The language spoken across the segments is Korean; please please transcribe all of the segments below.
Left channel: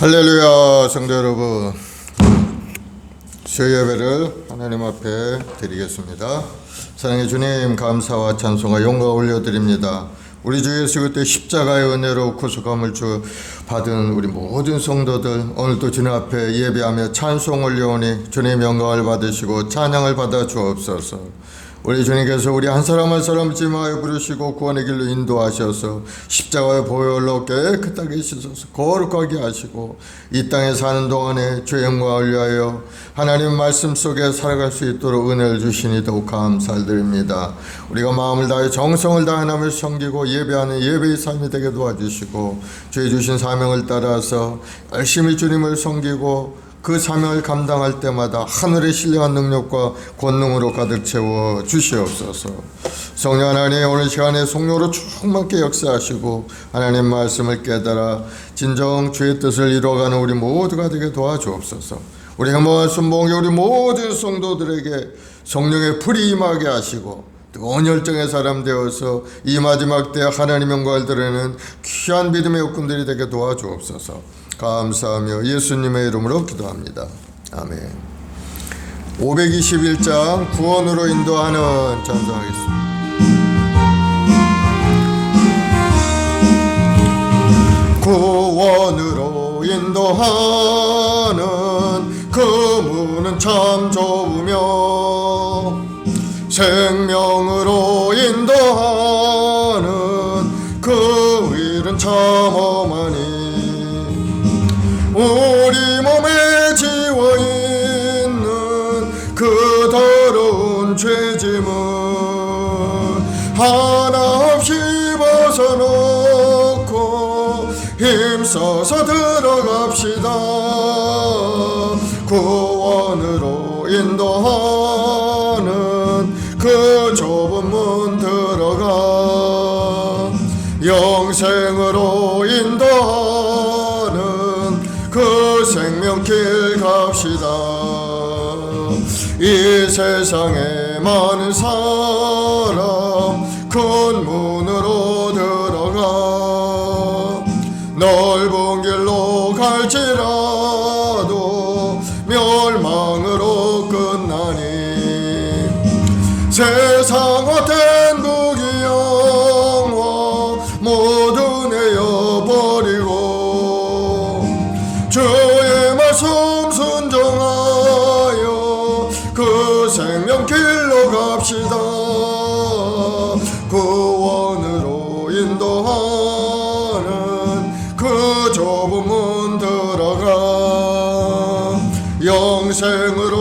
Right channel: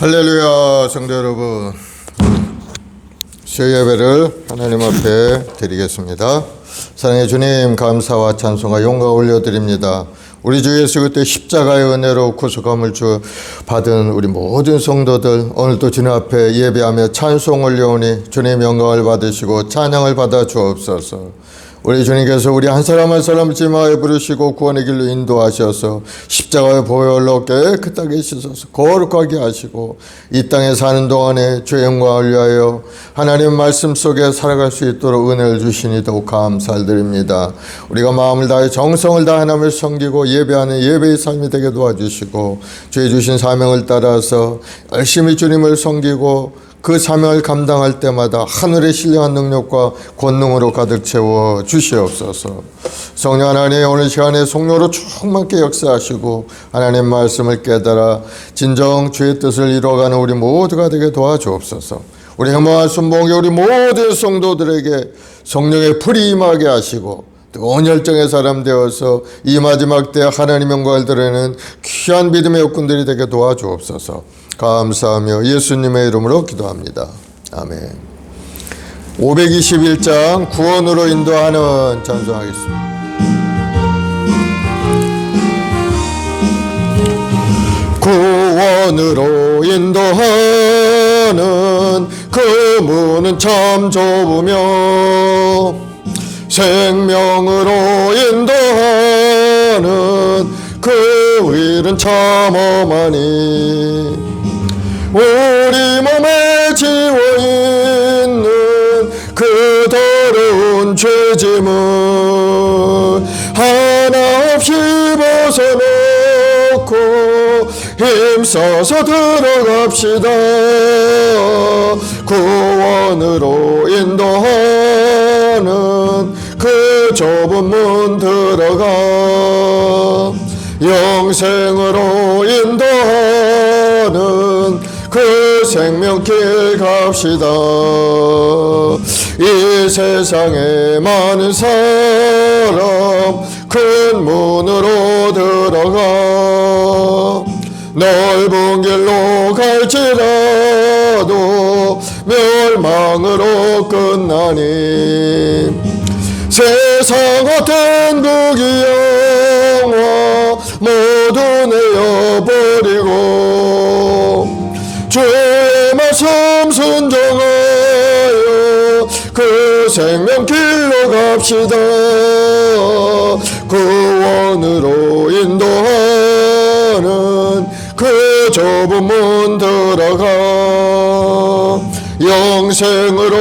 할렐루야. 성도 여러분, 새 예배를 하나님 앞에 드리겠습니다. 사랑의 주님, 감사와 찬송과 영광 올려드립니다. 우리 주 예수 그리스도의 십자가의 은혜로 구속함을 받은 우리 모든 성도들, 오늘도 주님 앞에 예배하며 찬송 올려오니 주님 영광을 받으시고 찬양을 받아 주옵소서. 우리 주님께서 우리 한 사람 한 사람 지마에 부르시고 구원의 길로 인도하셔서 십자가의 보혈로 깨끗하게 씻어서 거룩하게 하시고 이 땅에 사는 동안에 주의 영광을 위하여 하나님 말씀 속에 살아갈 수 있도록 은혜를 주시니 더욱 감사를 드립니다. 우리가 마음을 다해 정성을 다해 하나님을 섬기고 예배하는 예배의 삶이 되게 도와주시고 주의 주신 사명을 따라서 열심히 주님을 섬기고 그 사명을 감당할 때마다 하늘의 신령한 능력과 권능으로 가득 채워 주시옵소서. 성령 하나님, 오늘 시간에 성령으로 충만케 역사하시고 하나님 말씀을 깨달아 진정 주의 뜻을 이루어가는 우리 모두가 되게 도와주옵소서. 우리 행복한 순봉의 우리 모든 성도들에게 성령의 불이 임하게 하시고 뜨거운 열정의 사람 되어서 이 마지막 때 하나님 영광을 드리는 귀한 믿음의 일꾼들이 되게 도와주옵소서. 감사하며 예수님의 이름으로 기도합니다. 아멘. 521장 구원으로 인도하는 찬송하겠습니다. 구원으로 인도하는 그 문은 참 좁으며 생명으로 인도하는 그 길은 참 험하니 우리 몸에 지워있는 그 더러운 죄짐을 하나 없이 벗어놓고 힘써서 들어갑시다. 구원으로 인도하는 그 좁은 문 들어가 영생으로 인도하는 그 생명길 갑시다. 이 세상에 많은 사람 큰 문으로 들어가 넓은 길로 갈지라도 멸망으로 끝나니 세상과天국이 영화 모두 내어버리고 주의 말씀 순종하여 그 생명길로 갑시다. 구원으로 인도하는 그 좁은 문 들어가 영생으로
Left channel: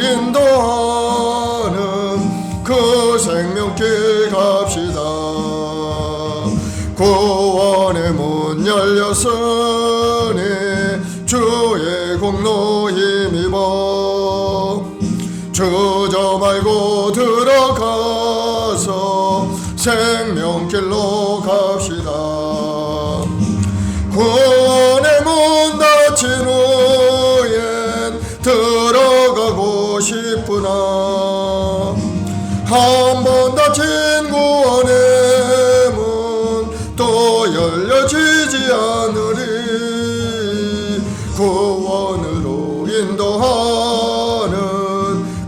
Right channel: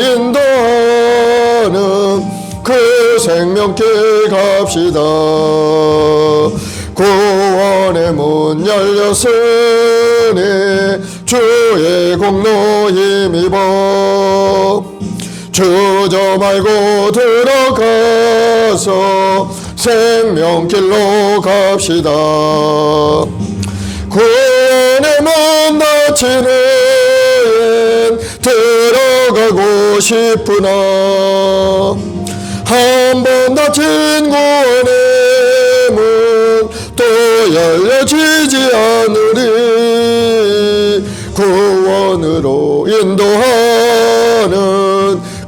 인도하는 그 생명길 갑시다. 구원의 문 열렸으니 주의 공로 힘입어 주저 말고 들어가서 생명길로 갑시다. 구원의 문 닫힌 후엔 들어가고 싶으나 한 번 닫힌 구원의 문 또 열려지지 않으리. 구원으로 인도하는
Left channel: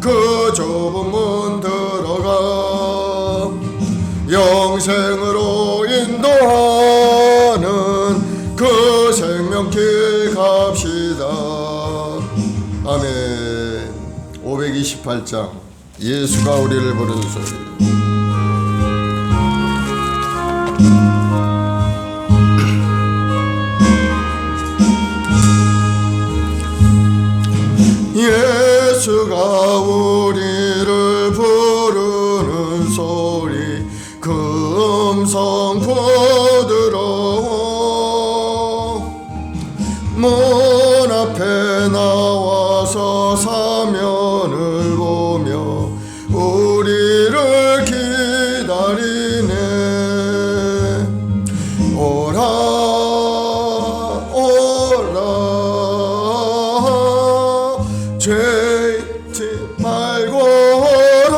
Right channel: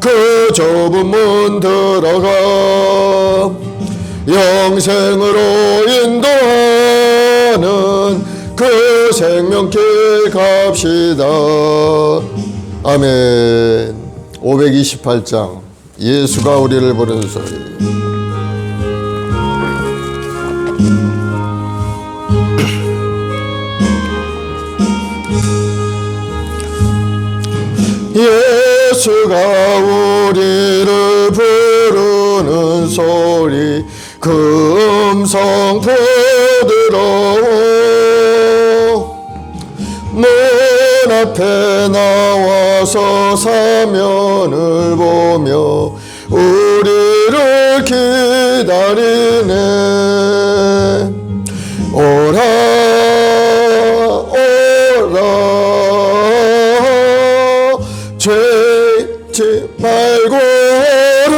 그 좁은 문 들어가 영생으로 인도하는 그 생명길 갑시다. 아멘. 528장 예수가 우리를 부르는 소리. 예수가 우리를 부르는 소리 그 음성 들어 문 앞에 나와서 사면을 보며 우리를 기다리네. 오라 오라 죄지 말고 오라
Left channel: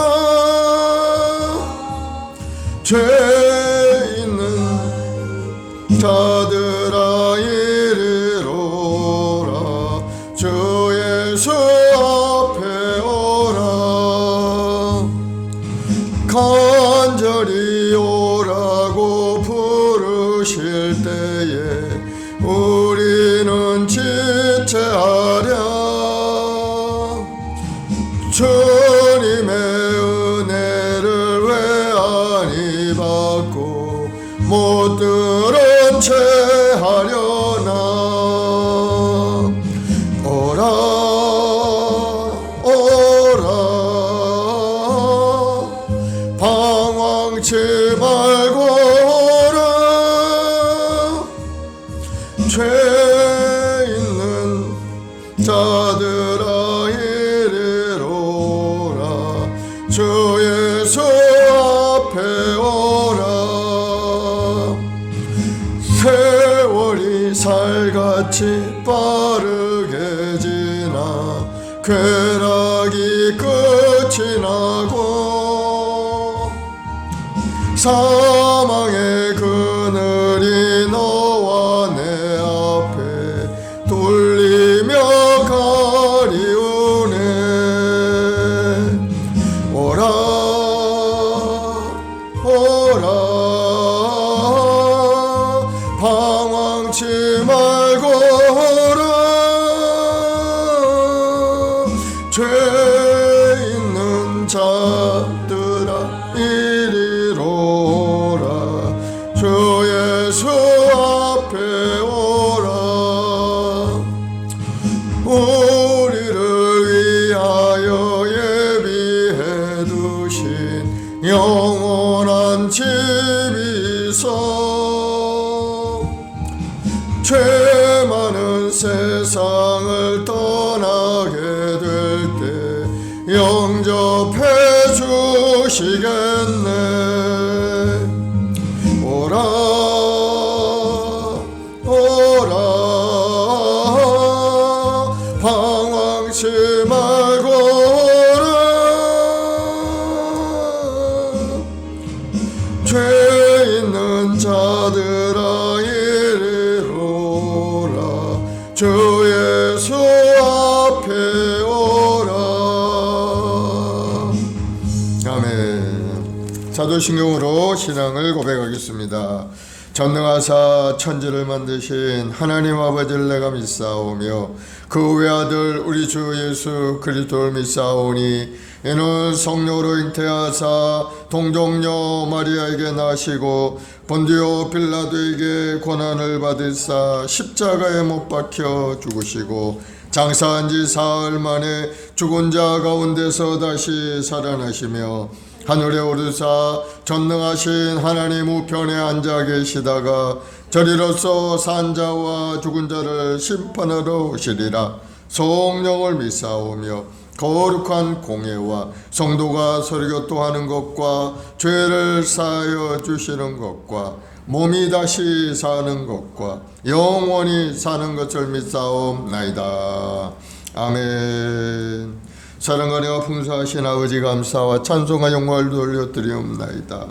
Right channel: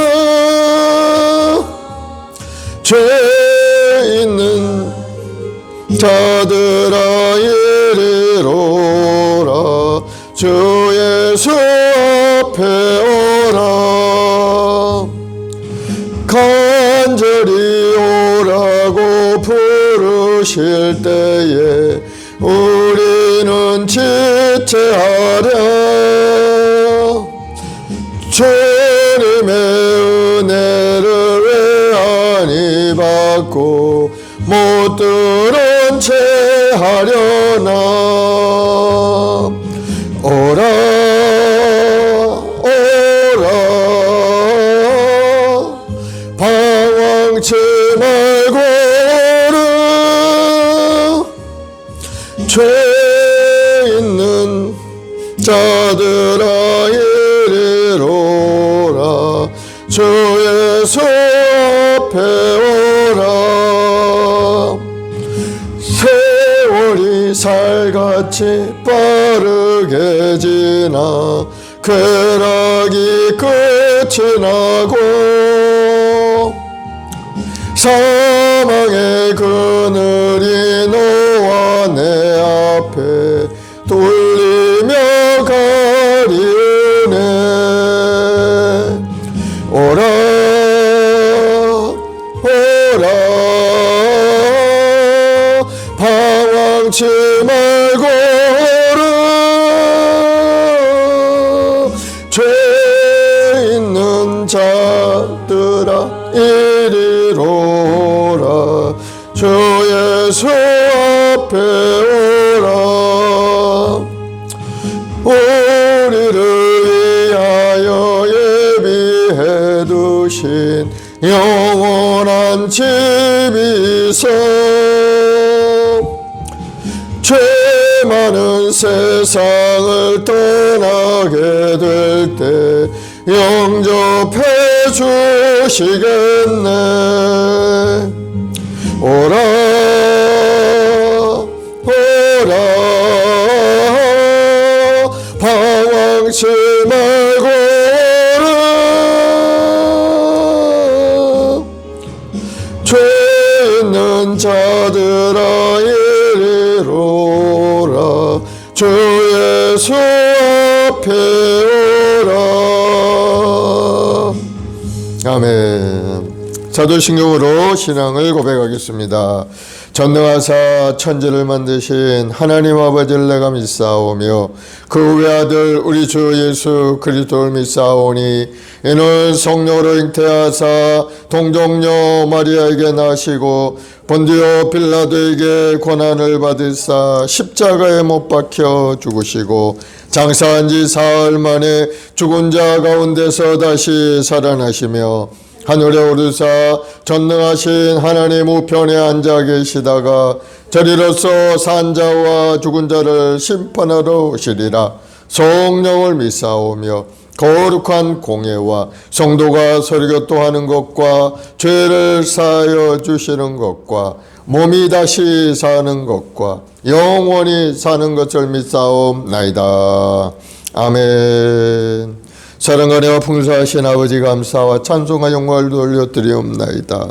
죄 있는 자들아 이리로 우리는 지체하려 주님의 은혜를 왜 아니 받고 못 들은 채 하려나. 오라 오라 방황치 말고 오라. 죄 있는 자들아 이리로라. 주 예수 앞에 오라. 세월이 살같이 빠르게 지나 쾌락이 끝이 나고 사망의 그늘이 너와 내 앞에 돌리며 가리우네. 오라 오라 방황치 말고 오라. 죄 있는 자들아 이리로라. 주 예수 앞에 오라. 우리를 위하여 예비해 두신 영원한 집이 있어 죄 많은 세상을 떠나게 될 때 영접해 주시겠네. 오라 오라 방황치 말고 오라. 죄 있는 자들아 이리로라. 주 예수 앞에 오라. 아멘. 사도신경으로 신앙을 고백하겠습니다. 전능하사 천지를 만드신 하나님 아버지를 내가 믿사오며 그 외아들 우리 주 예수 그리스도를 믿사오니 이는 성령으로 잉태하사 동정녀 마리아에게 나시고 본디오 빌라도에게 고난을 받으사 십자가에 못 박혀 죽으시고 장사한 지 사흘 만에 죽은 자 가운데서 다시 살아나시며 하늘에 오르사 전능하신 하나님 우편에 앉아 계시다가 저리로서 산 자와 죽은 자를 심판하러 오시리라. 성령을 믿사오며 거룩한 공예와 성도가 설교토하는 것과 죄를 사하여 주시는 것과 몸이 다시 사는 것과 영원히 사는 것을 믿사옵나이다. 아멘. 사랑과 은혜와 풍성하신 아버지 감사와 찬송과 영광을 돌려드리옵나이다.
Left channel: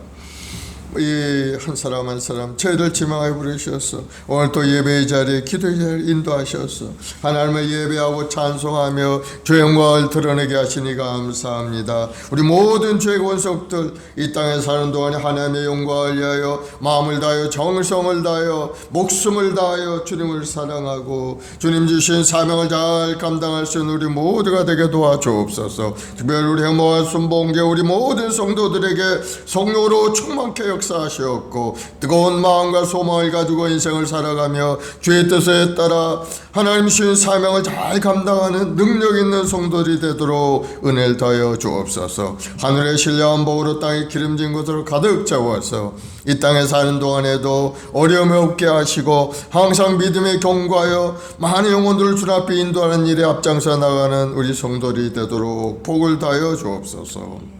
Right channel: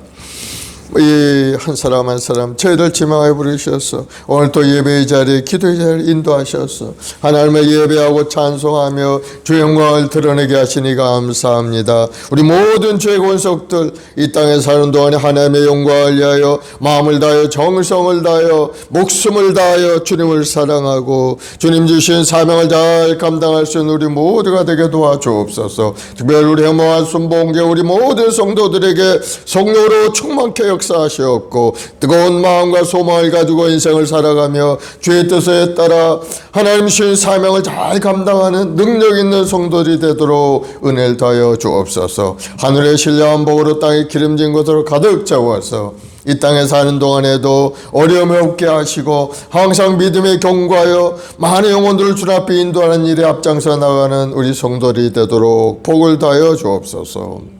이 한 사람 한 사람 죄를 지명하여 부르셔서 오늘 또 예배의 자리에 기도의 자리를 인도하셔서 하나님의 예배하고 찬송하며 주의 영광을 드러내게 하시니 감사합니다. 우리 모든 죄 권속들 이 땅에 사는 동안에 하나님의 영광을 위하여 마음을 다하여 정성을 다하여 목숨을 다하여 주님을 사랑하고 주님 주신 사명을 잘 감당할 수 있는 우리 모두가 되게 도와주옵소서. 특별히 우리 행복한 순봉계 우리 모든 성도들에게 성령으로 충만케 역사하시옵고 뜨거운 마음과 소망을 가지고 인생을 살아가며 주의 뜻에 따라 하나님 주신 사명을 잘 감당하는 능력 있는 성도들이 되도록 은혜를 더하여 주옵소서. 하늘의 신령한 복으로 땅이 기름진 것으로 가득 채워서 이 땅에 사는 동안에도 어려움이 없게 하시고 항상 믿음에 경고하여 많은 영혼들을 주 앞에 인도하는 일에 앞장서 나가는 우리 성도들이 되도록 복을 더하여 주옵소서.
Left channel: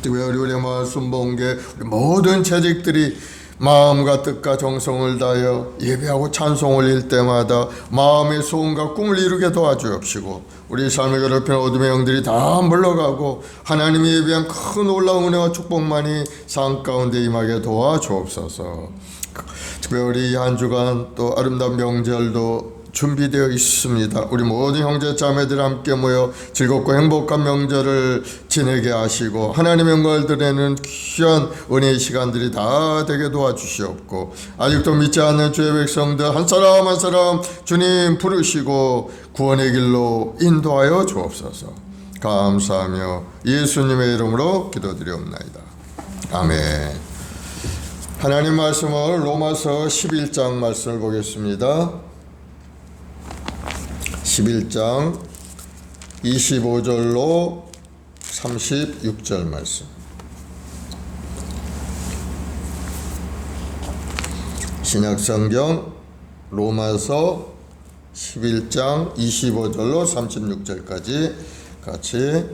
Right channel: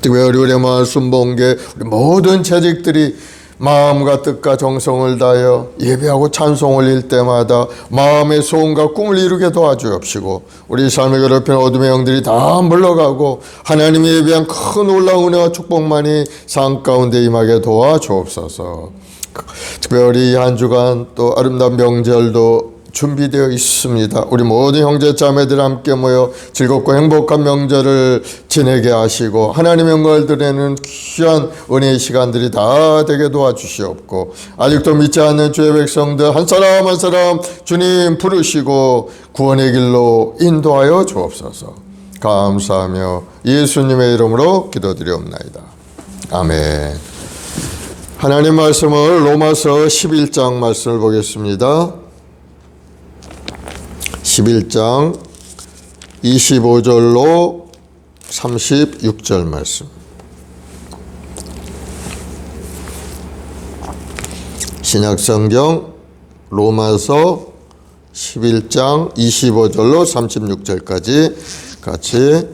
특별히 우리 마을 순봉계 모든 재직들이 마음과 뜻과 정성을 다하여 예배하고 찬송 올릴 때마다 마음의 소원과 꿈을 이루게 도와주옵시고 우리 삶을 괴롭히는 어둠의 영들이 다 물러가고 하나님이 예비한 큰 놀라운 은혜와 축복만이 삶 가운데 임하게 도와주옵소서. 특별히 한 주간 또 아름다운 명절도 준비되어 있습니다. 우리 모든 형제 자매들 함께 모여 즐겁고 행복한 명절을 지내게 하시고 하나님의 영광을 드리는 귀한 은혜의 시간들이 다 되게 도와주시옵고, 아직도 믿지 않는 주의 백성들 한 사람 한 사람 주님 부르시고 구원의 길로 인도하여 주옵소서. 감사하며 예수님의 이름으로 기도드리옵나이다. 아멘. 하나님 말씀을 로마서 11장 말씀을 보겠습니다. 11장 25절로 36절 말씀. 신약성경 로마서 11장 25절로 36절까지 같이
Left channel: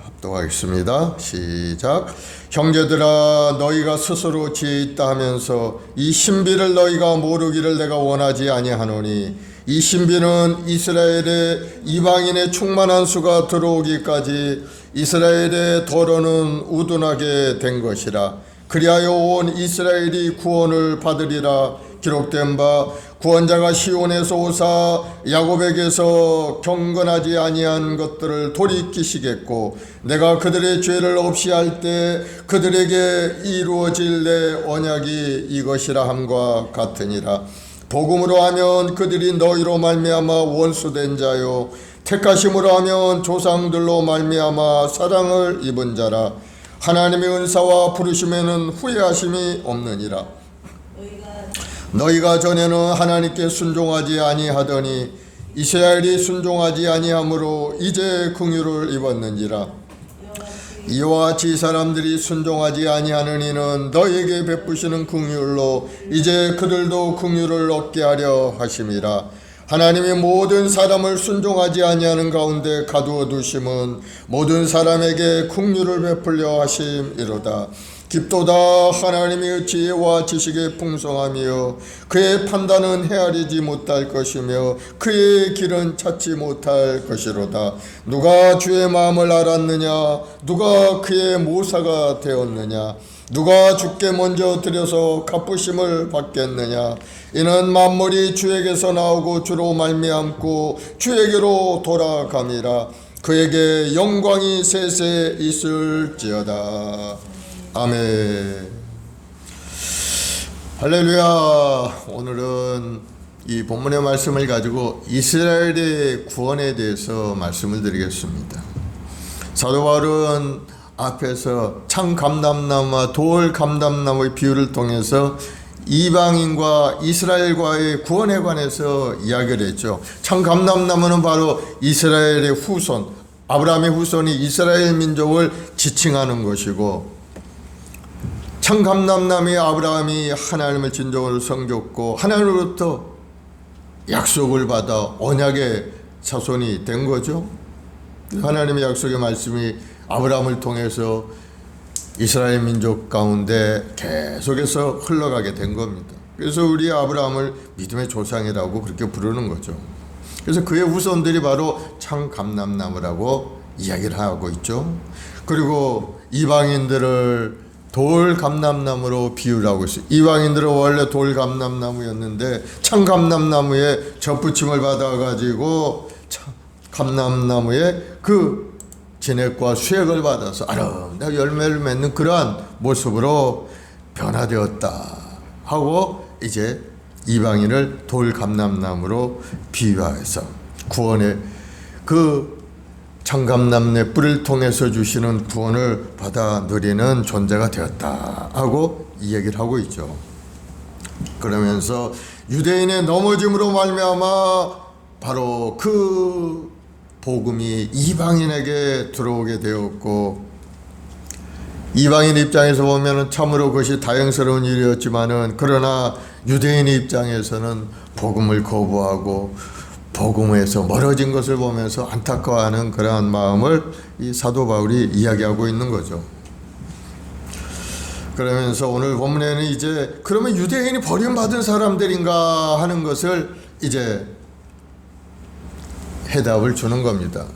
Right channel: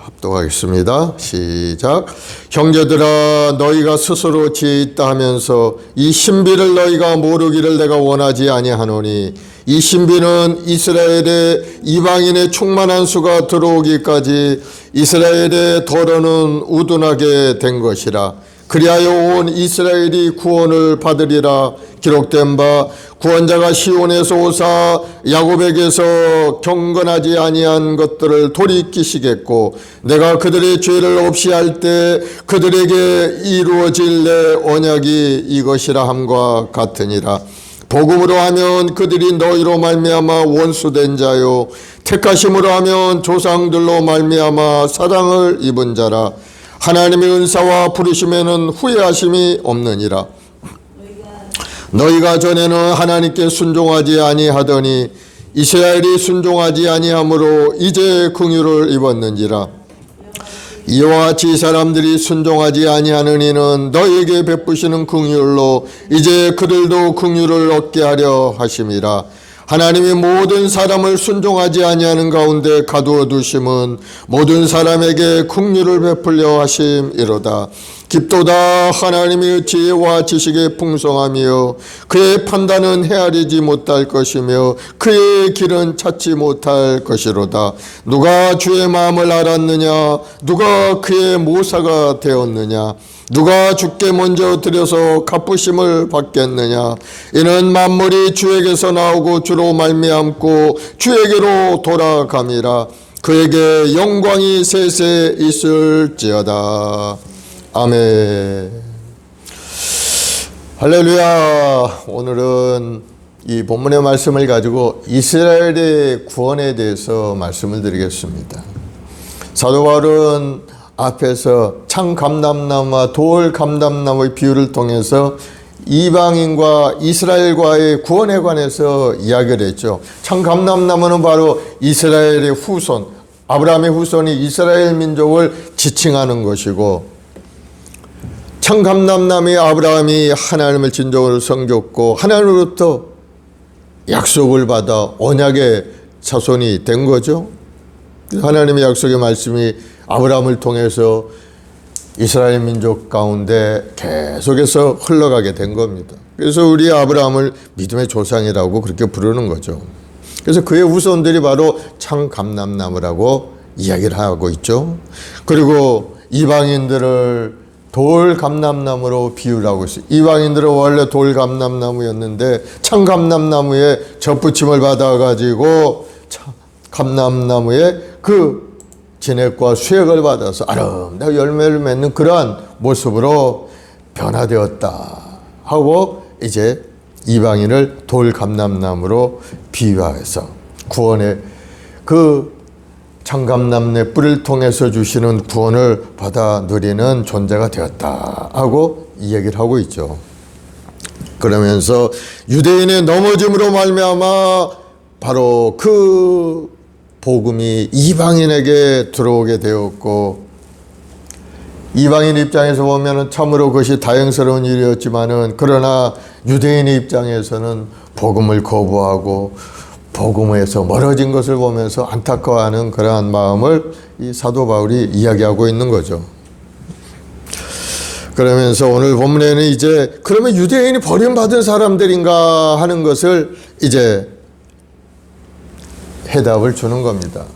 합독하겠습니다. 시작. 형제들아, 너희가 스스로 지혜 있다 하면서 이 신비를 너희가 모르기를 내가 원하지 아니하노니, 이 신비는 이스라엘의 이방인의 충만한 수가 들어오기까지 이스라엘의 더러는 우둔하게 된 것이라. 그리하여 온 이스라엘이 구원을 받으리라. 기록된 바 구원자가 시온에서 오사 야곱에게서 경건하지 아니한 것들을 돌이키시겠고, 내가 그들의 죄를 없이 할 때 그들에게 이루어질 내 언약이 이것이라 함과 같으니라. 복음으로 하면 그들이 너희로 말미암아 원수된 자요, 택하심으로 하면 조상들로 말미암아 사랑을 입은 자라. 하나님의 은사와 부르심에는 후회하심이 없느니라. 너희가 전에는 하나님께 순종하지 아니하더니 이스라엘이 순종하지 아니하므로 이제 긍휼을 입었는지라. 이와 같이 사람들이 순종하지 아니하는 이는 너희에게 베푸시는 긍휼로 이제 그들도 긍휼을 얻게 하려 하심이라. 하나님이 모든 사람을 순종하지 아니하는 가운데 가두어 두심은 모든 사람에게 긍휼을 베풀려 하심이로다. 깊도다. 하나님의 지혜와 지식의 풍성함이요 그의 판단은 헤아리지 못할 것이며 그의 길은 찾지 못할 것이로다. 누가 주의 마음을 알았느냐? 누가 그의 모사가 되었느냐? 누가 주께 먼저 드려서 갚으심을 받겠느냐? 이는 만물이 주에게서 나오고 주로 말미암고 주에게로 돌아감이라. 그에게 영광이 세세 있을지어다. 아멘. 할렐루야. 오늘은 이 본문의 말씀을 가지고 이스라엘의 구원에 대해서 말씀을 드리겠습니다. 사도 바울은 앞에서 창감람나무와 돌감람나무의 비유를 통해서 이방인과 이스라엘과의 구원에 관해서 이야기를 했죠. 창감람나무는 바로 이스라엘의 후손, 아브라함의 후손이 이스라엘 민족을 지칭하는 것이고, 창감람나무의 아브라함이 하나님을 진정으로 섬겼고 하나님으로부터 약속을 받아 언약의 자손이 된 거죠. 하나님의 약속의 말씀이 아브라함을 통해서 이스라엘 민족 가운데 계속해서 흘러가게 된 겁니다. 그래서 우리 아브라함을 믿음의 조상이라고 그렇게 부르는 거죠. 그래서 그의 후손들이 바로 창감람나무라고 이야기를 하고 있죠. 그리고 이방인들을 돌감람나무로 비유를 하고 있어요. 이방인들은 원래 돌감람나무였는데 창감람나무에 접붙임을 받아가지고 감람나무에 그 진액과 수액을 받아서 아름다운 열매를 맺는 그러한 모습으로 변화되었다 하고, 이제 이방인을 돌감람나무로 비유해서 구원의 그 창감나무의 뿌리를 통해서 주시는 구원을 받아 누리는 존재가 되었다 하고 이 얘기를 하고 있죠. 그러면서 유대인의 넘어짐으로 말미암아 바로 그 복음이 이방인에게 들어오게 되었고, 이방인 입장에서 보면 참으로 그것이 다행스러운 일이었지만은, 그러나 유대인의 입장에서는 복음을 거부하고 복음에서 멀어진 것을 보면서 안타까워하는 그러한 마음을 이 사도 바울이 이야기하고 있는 거죠. 그러면서 오늘 본문에는 이제 그러면 유대인이 버림받은 사람들인가 하는 것을 이제 해답을 주는 겁니다.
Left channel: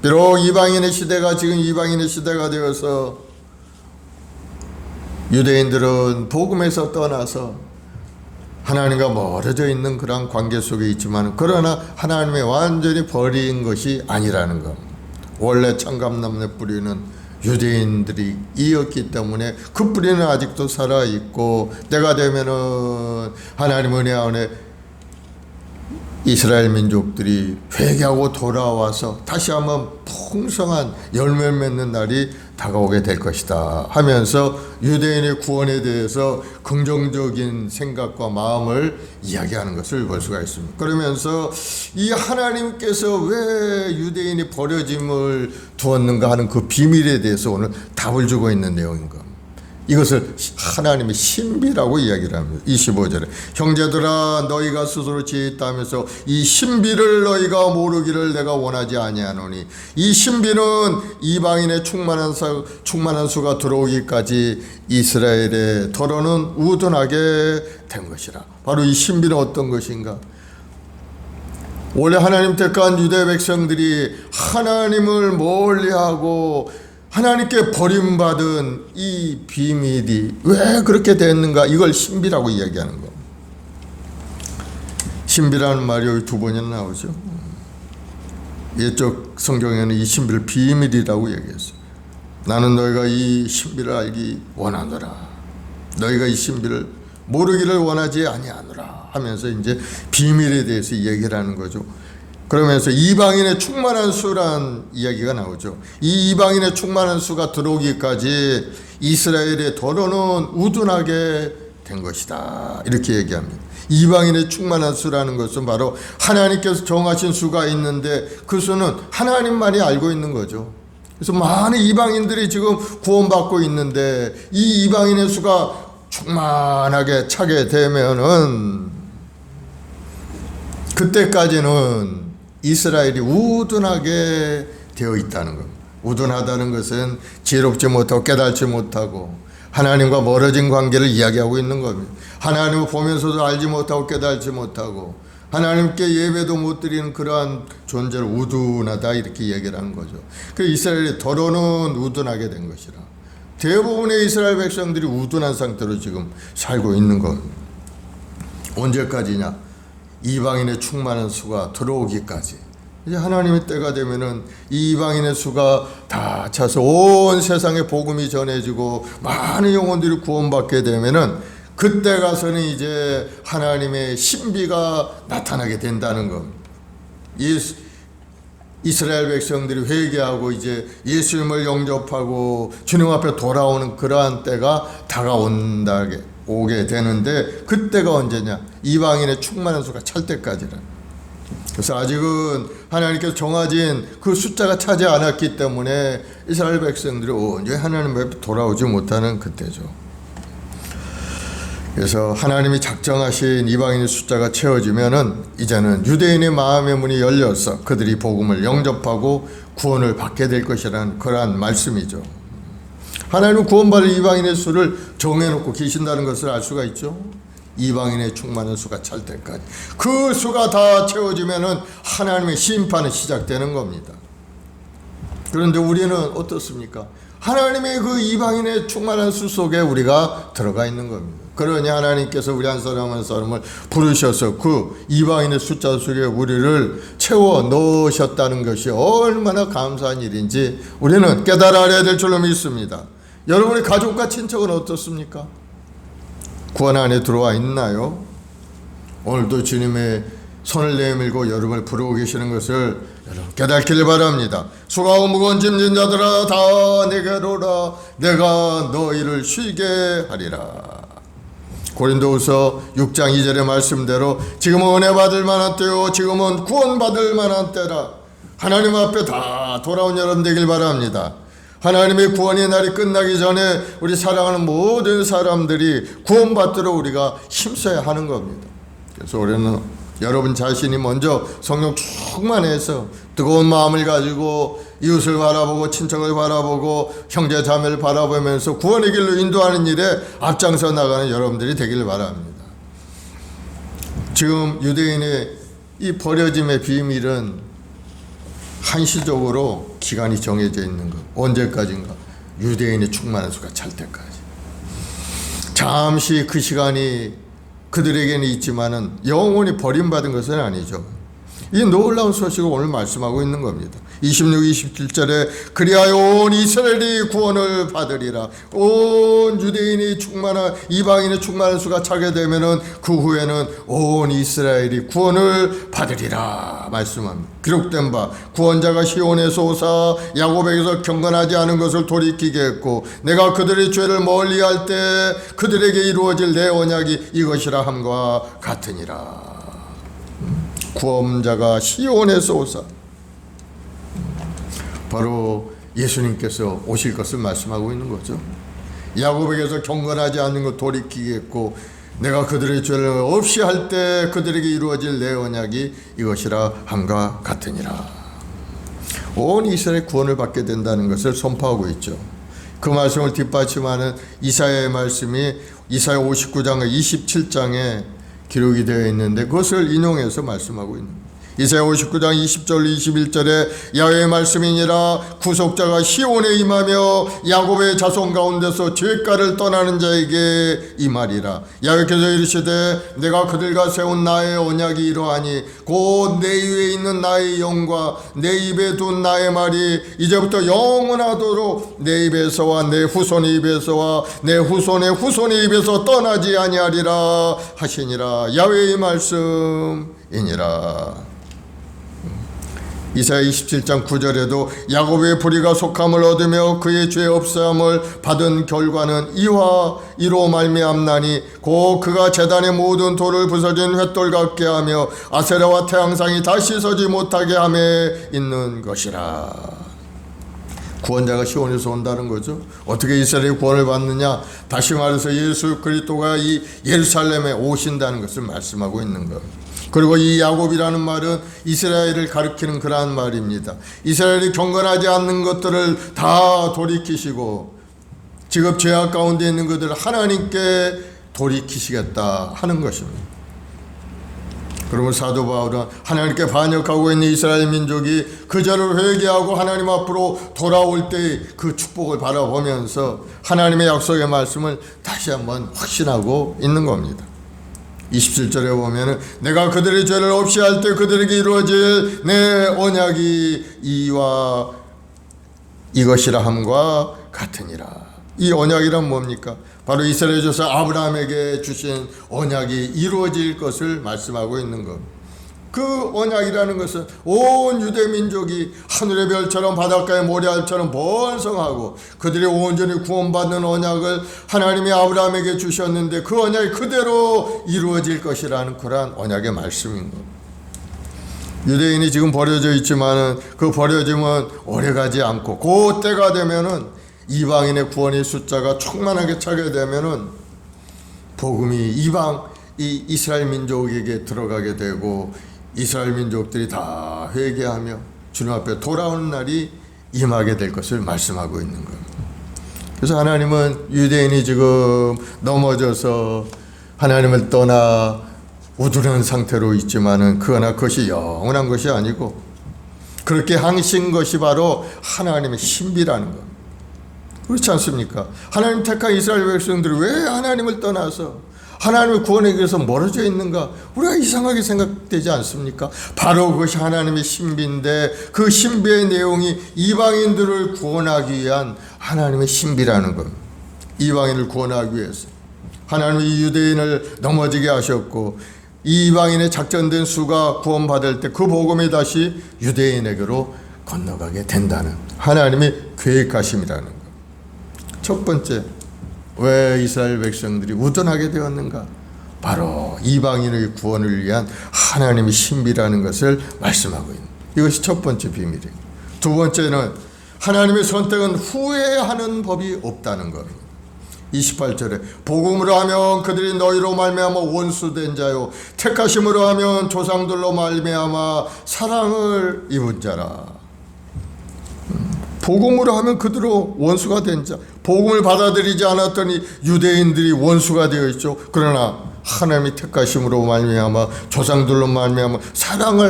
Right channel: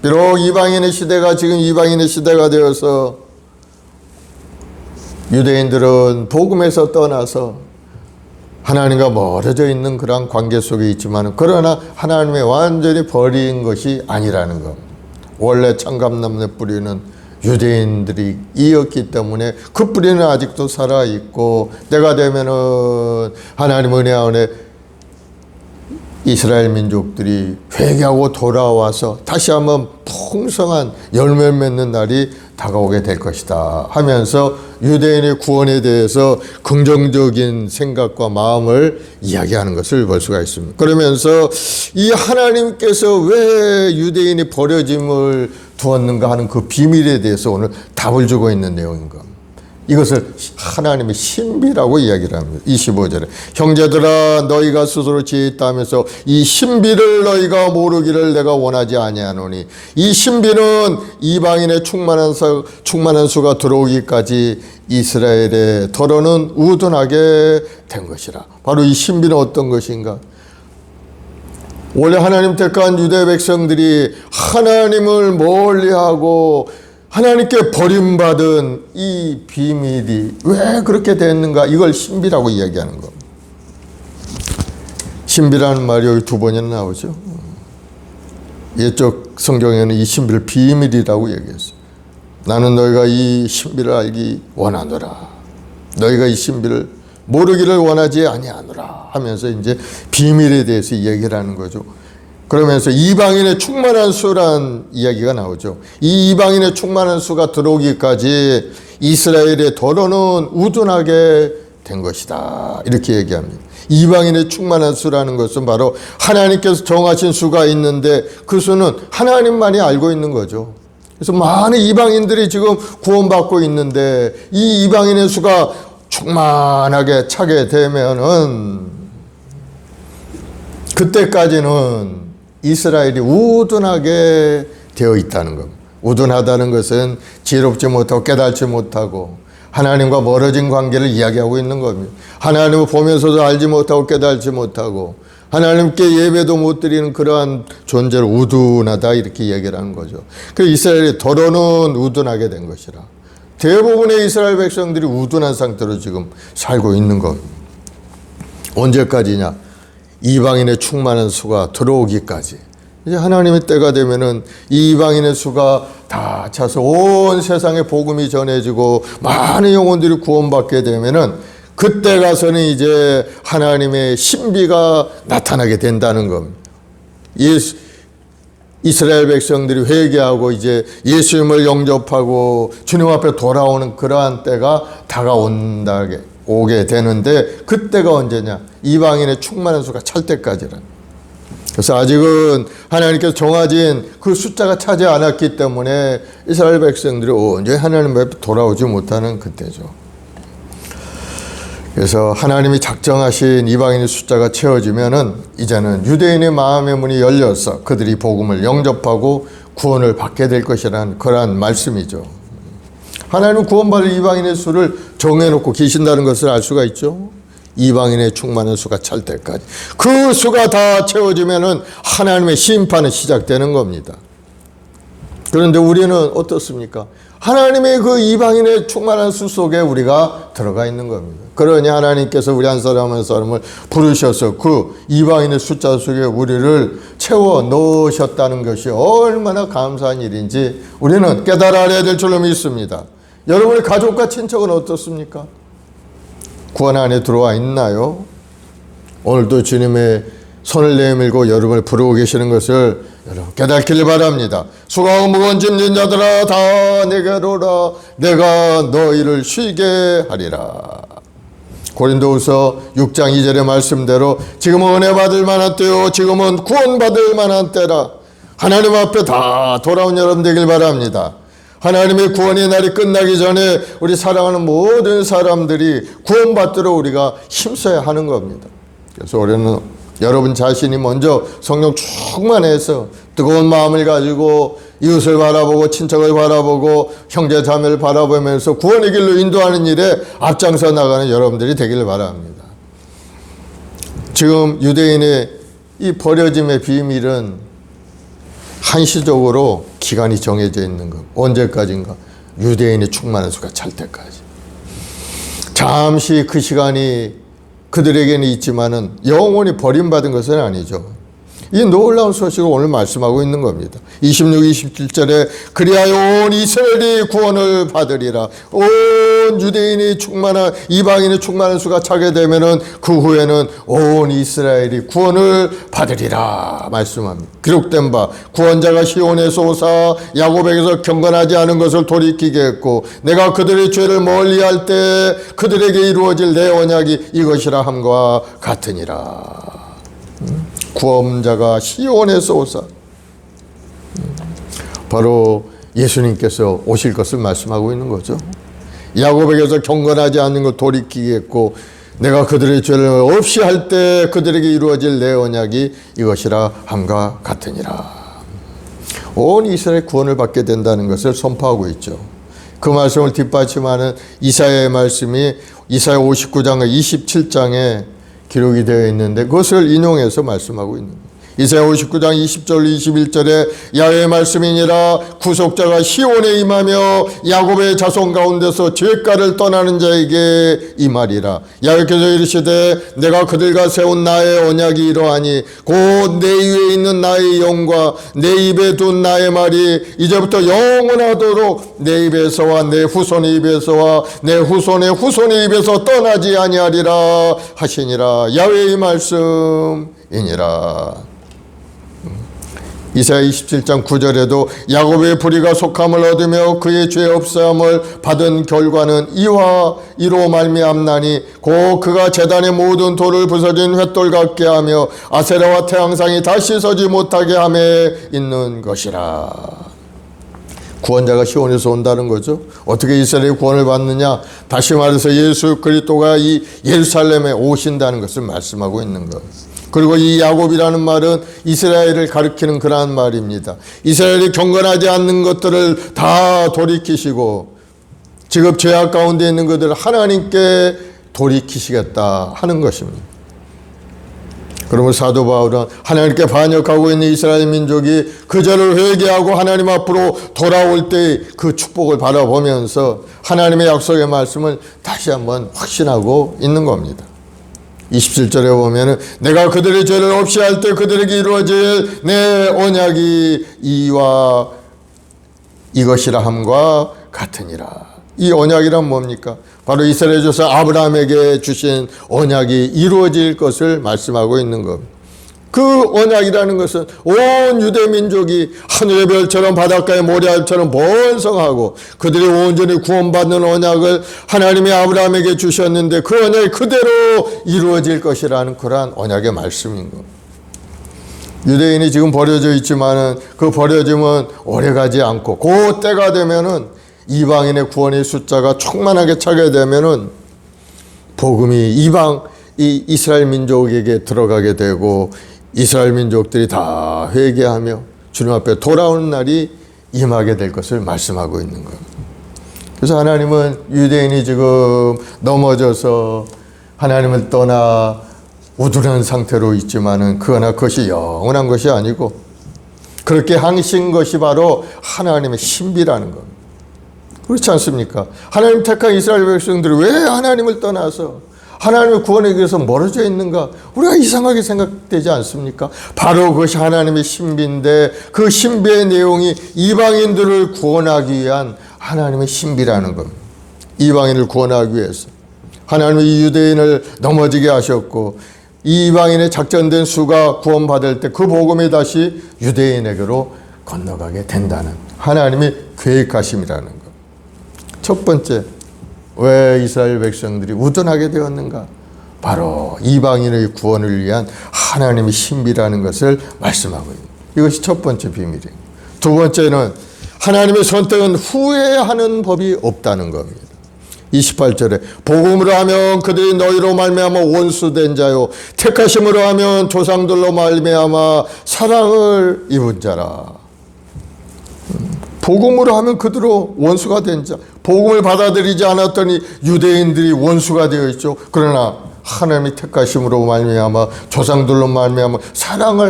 비록 이방인의 시대가 지금 이방인의 시대가 되어서 유대인들은 복음에서 떠나서 하나님과 멀어져 있는 그런 관계 속에 있지만 그러나 하나님의 완전히 버린 것이 아니라는 것. 원래 창감나무의 뿌리는 유대인들이 이었기 때문에 그 뿌리는 아직도 살아있고 때가 되면은 하나님 은혜 안에 이스라엘 민족들이 회개하고 돌아와서 다시 한번 풍성한 열매를 맺는 날이 다가오게 될 것이다 하면서 유대인의 구원에 대해서 긍정적인 생각과 마음을 이야기하는 것을 볼 수가 있습니다. 그러면서 이 하나님께서 왜 유대인이 버려짐을 두었는가 하는 그 비밀에 대해서 오늘 답을 주고 있는 내용인 겁니다. 이것을 하나님의 신비라고 이야기를 합니다. 25절에 형제들아 너희가 스스로 지혜 있다 하면서 이 신비를 너희가 모르기를 내가 원하지 아니하노니 이 신비는 이방인의 충만한 수가 들어오기까지 이스라엘의 더러는 우둔하게 된 것이라. 바로 이 신비는 어떤 것인가? 원래 하나님 택한 유대 백성들이 하나님을 멀리하고 하나님께 버림받은 이 비밀이 왜 그렇게 됐는가? 이걸 신비라고 이야기하는 겁니다. 신비라는 말이 여기 두 번이나 나오죠. 옛적 성경에는 이 신비를 비밀이라고 얘기했어요. 나는 너희가 이 신비를 알기 원하노라. 너희가 이 신비를 모르기를 원하지 아니하노라 하면서 이제 비밀에 대해서 얘기를 하는 거죠. 그러면서 이방인의 충만한 수란 이야기가 나오죠. 이 이방인의 충만한 수가 들어오기까지 이스라엘의 더러는 우둔하게 된 것이다. 이렇게 얘기합니다. 이방인의 충만한 수라는 것은 바로 하나님께서 정하신 수가 있는데 그 수는 하나님만이 알고 있는 거죠. 그래서 많은 이방인들이 지금 구원받고 있는데 이 이방인의 수가 충만하게 차게 되면은 그때까지는 이스라엘이 우둔하게 되어 있다는 것. 우둔하다는 것은 지혜롭지 못하고 깨달지 못하고 하나님과 멀어진 관계를 이야기하고 있는 겁니다. 하나님을 보면서도 알지 못하고 깨달지 못하고 하나님께 예배도 못 드리는 그러한 존재를 우둔하다 이렇게 얘기를 한 거죠. 그래서 이스라엘이 더러는 우둔하게 된 것이라. 대부분의 이스라엘 백성들이 우둔한 상태로 지금 살고 있는 겁니다. 언제까지냐? 이방인의 충만한 수가 들어오기까지. 이제 하나님의 때가 되면은 이방인의 수가 다 차서 온 세상에 복음이 전해지고 많은 영혼들이 구원받게 되면은 그때 가서는 이제 하나님의 신비가 나타나게 된다는 겁니다. 이스라엘 백성들이 회개하고 이제 예수님을 영접하고 주님 앞에 돌아오는 그러한 때가 다가온다게 오게 되는데 그때가 언제냐? 이방인의 충만한 수가 찰 때까지라. 그래서 아직은 하나님께서 정하진 그 숫자가 차지 않았기 때문에 이스라엘 백성들이 온전히 하나님 앞에 돌아오지 못하는 그때죠. 그래서 하나님이 작정하신 이방인의 숫자가 채워지면은 이제는 유대인의 마음의 문이 열려서 그들이 복음을 영접하고 구원을 받게 될 것이라는 그러한 말씀이죠. 하나님은 구원받을 이방인의 수를 정해놓고 계신다는 것을 알 수가 있죠. 이방인의 충만한 수가 찰 때까지. 그 수가 다 채워지면은 하나님의 심판은 시작되는 겁니다. 그런데 우리는 어떻습니까? 하나님의 그 이방인의 충만한 수 속에 우리가 들어가 있는 겁니다. 그러니 하나님께서 우리 한 사람 한 사람을 부르셔서 그 이방인의 숫자 속에 우리를 채워 넣으셨다는 것이 얼마나 감사한 일인지 우리는 깨달아야 될 줄로 믿습니다. 여러분의 가족과 친척은 어떻습니까? 구원 안에 들어와 있나요? 오늘도 주님의 손을 내밀고 여러분을 부르고 계시는 것을 여러분 깨닫기를 바랍니다. 수고하고 무거운 짐진 자들아 다 내게로 오라. 내가 너희를 쉬게 하리라. 고린도후서 6장 2절의 말씀대로 지금은 은혜 받을 만한 때요 지금은 구원 받을 만한 때라. 하나님 앞에 다 돌아온 여러분 되길 바랍니다. 하나님의 구원의 날이 끝나기 전에 우리 사랑하는 모든 사람들이 구원받도록 우리가 힘써야 하는 겁니다. 그래서 우리는 여러분 자신이 먼저 성령 충만해서 뜨거운 마음을 가지고 이웃을 바라보고 친척을 바라보고 형제 자매를 바라보면서 구원의 길로 인도하는 일에 앞장서 나가는 여러분들이 되기를 바랍니다. 지금 유대인의 이 버려짐의 비밀은 한시적으로 기간이 정해져 있는 것. 언제까지인가? 유대인의 충만한 수가 찰 때까지. 잠시 그 시간이 그들에게는 있지만은 영원히 버림받은 것은 아니죠. 이 놀라운 소식을 오늘 말씀하고 있는 겁니다. 26, 27절에 그리하여 온 이스라엘이 구원을 받으리라. 온 유대인이 충만한 이방인이 충만한 수가 차게 되면은 그 후에는 온 이스라엘이 구원을 받으리라 말씀합니다. 기록된 바 구원자가 시온에서 오사 야곱에게서 경건하지 않은 것을 돌이키게 했고 내가 그들의 죄를 멀리할 때 그들에게 이루어질 내 언약이 이것이라 함과 같으니라. 구원자가 시온에서 오사 바로 예수님께서 오실 것을 말씀하고 있는 거죠. 야곱에게서 경건하지 않는 것 돌이키겠고 내가 그들의 죄를 없이 할 때 그들에게 이루어질 내 언약이 이것이라 함과 같으니라. 온 이스라엘 구원을 받게 된다는 것을 선포하고 있죠. 그 말씀을 뒷받침하는 이사야의 말씀이 이사야 59장 27장에 기록이 되어 있는데 그것을 인용해서 말씀하고 있는 거예요. 이사야 59장 20절 21절에 야훼의 말씀이니라 구속자가 시온에 임하며 야곱의 자손 가운데서 죄가를 떠나는 자에게 임하리라. 야훼께서 이르시되 내가 그들과 세운 나의 언약이 이러하니 곧 내 위에 있는 나의 영과 내 입에 둔 나의 말이 이제부터 영원하도록 내 입에서와 내 후손의 입에서와 내 후손의 후손의 입에서 떠나지 아니하리라 하시니라. 야훼의 말씀이니라. 이사야 27장 9절에도 야곱의 불의가 속함을 얻으며 그의 죄 없사함을 받은 결과는 이와 이로 말미암나니 곧 그가 제단의 모든 돌을 부서진 횃돌 같게 하며 아세라와 태양상이 다시 서지 못하게 함에 있는 것이라. 구원자가 시온에서 온다는 거죠. 어떻게 이스라엘이 구원을 받느냐? 다시 말해서 예수 그리스도가 이 예루살렘에 오신다는 것을 말씀하고 있는 거예요. 그리고 이 야곱이라는 말은 이스라엘을 가리키는 그러한 말입니다. 이스라엘이 경건하지 않는 것들을 다 돌이키시고 지금 죄악 가운데 있는 것들을 하나님께 돌이키시겠다 하는 것입니다. 그러면 사도 바울은 하나님께 반역하고 있는 이스라엘 민족이 그 죄를 회개하고 하나님 앞으로 돌아올 때 그 축복을 바라보면서 하나님의 약속의 말씀을 다시 한번 확신하고 있는 겁니다. 27절에 보면은 내가 그들의 죄를 없이 할 때 그들에게 이루어질 내 언약이 이와 이것이라 함과 같으니라. 이 언약이란 뭡니까? 바로 이스라엘 조상 아브라함에게 주신 언약이 이루어질 것을 말씀하고 있는 겁니다. 그 언약이라는 것은 온 유대 민족이 하늘의 별처럼 바닷가의 모래알처럼 번성하고 그들이 온전히 구원받는 언약을 하나님이 아브라함에게 주셨는데 그 언약이 그대로 이루어질 것이라는 그러한 언약의 말씀인 겁니다. 유대인이 지금 버려져 있지만은 그 버려짐은 오래가지 않고 그 때가 되면은 이방인의 구원의 숫자가 충만하게 차게 되면은 복음이 이 이스라엘 민족에게 들어가게 되고 이스라엘 민족들이 다 회개하며 주님 앞에 돌아오는 날이 임하게 될 것을 말씀하고 있는 겁니다. 그래서 하나님은 유대인이 지금 넘어져서 하나님을 떠나 우둔한 상태로 있지만은 그러나 그것이 영원한 것이 아니고 그렇게 항신 것이 바로 하나님의 신비라는 겁니다. 그렇지 않습니까? 하나님 택한 이스라엘 백성들이 왜 하나님을 떠나서 하나님의 구원에 위해서 멀어져 있는가? 우리가 이상하게 생각되지 않습니까? 바로 그것이 하나님의 신비인데 그 신비의 내용이 이방인들을 구원하기 위한 하나님의 신비라는 겁니다. 이방인을 구원하기 위해서 하나님이 이 유대인을 넘어지게 하셨고 이 이방인의 작전된 수가 구원받을 때 그 복음이 다시 유대인에게로 건너가게 된다는 하나님의 계획하심이라는 것. 첫 번째, 왜 이스라엘 백성들이 우둔하게 되었는가? 바로 이방인의 구원을 위한 하나님의 신비라는 것을 말씀하고 있는 이것이 첫 번째 비밀이에요. 두 번째는 하나님의 선택은 후회하는 법이 없다는 겁니다. 28절에 복음으로 하면 그들이 너희로 말미암아 원수된 자요 택하심으로 하면 조상들로 말미암아 사랑을 입은 자라. 복음으로 하면 그대로 원수가 된 자. 복음을 받아들이지 않았더니 유대인들이 원수가 되어 있죠. 그러나 하나님의 택하심으로 말미암아 조상들로 말미암아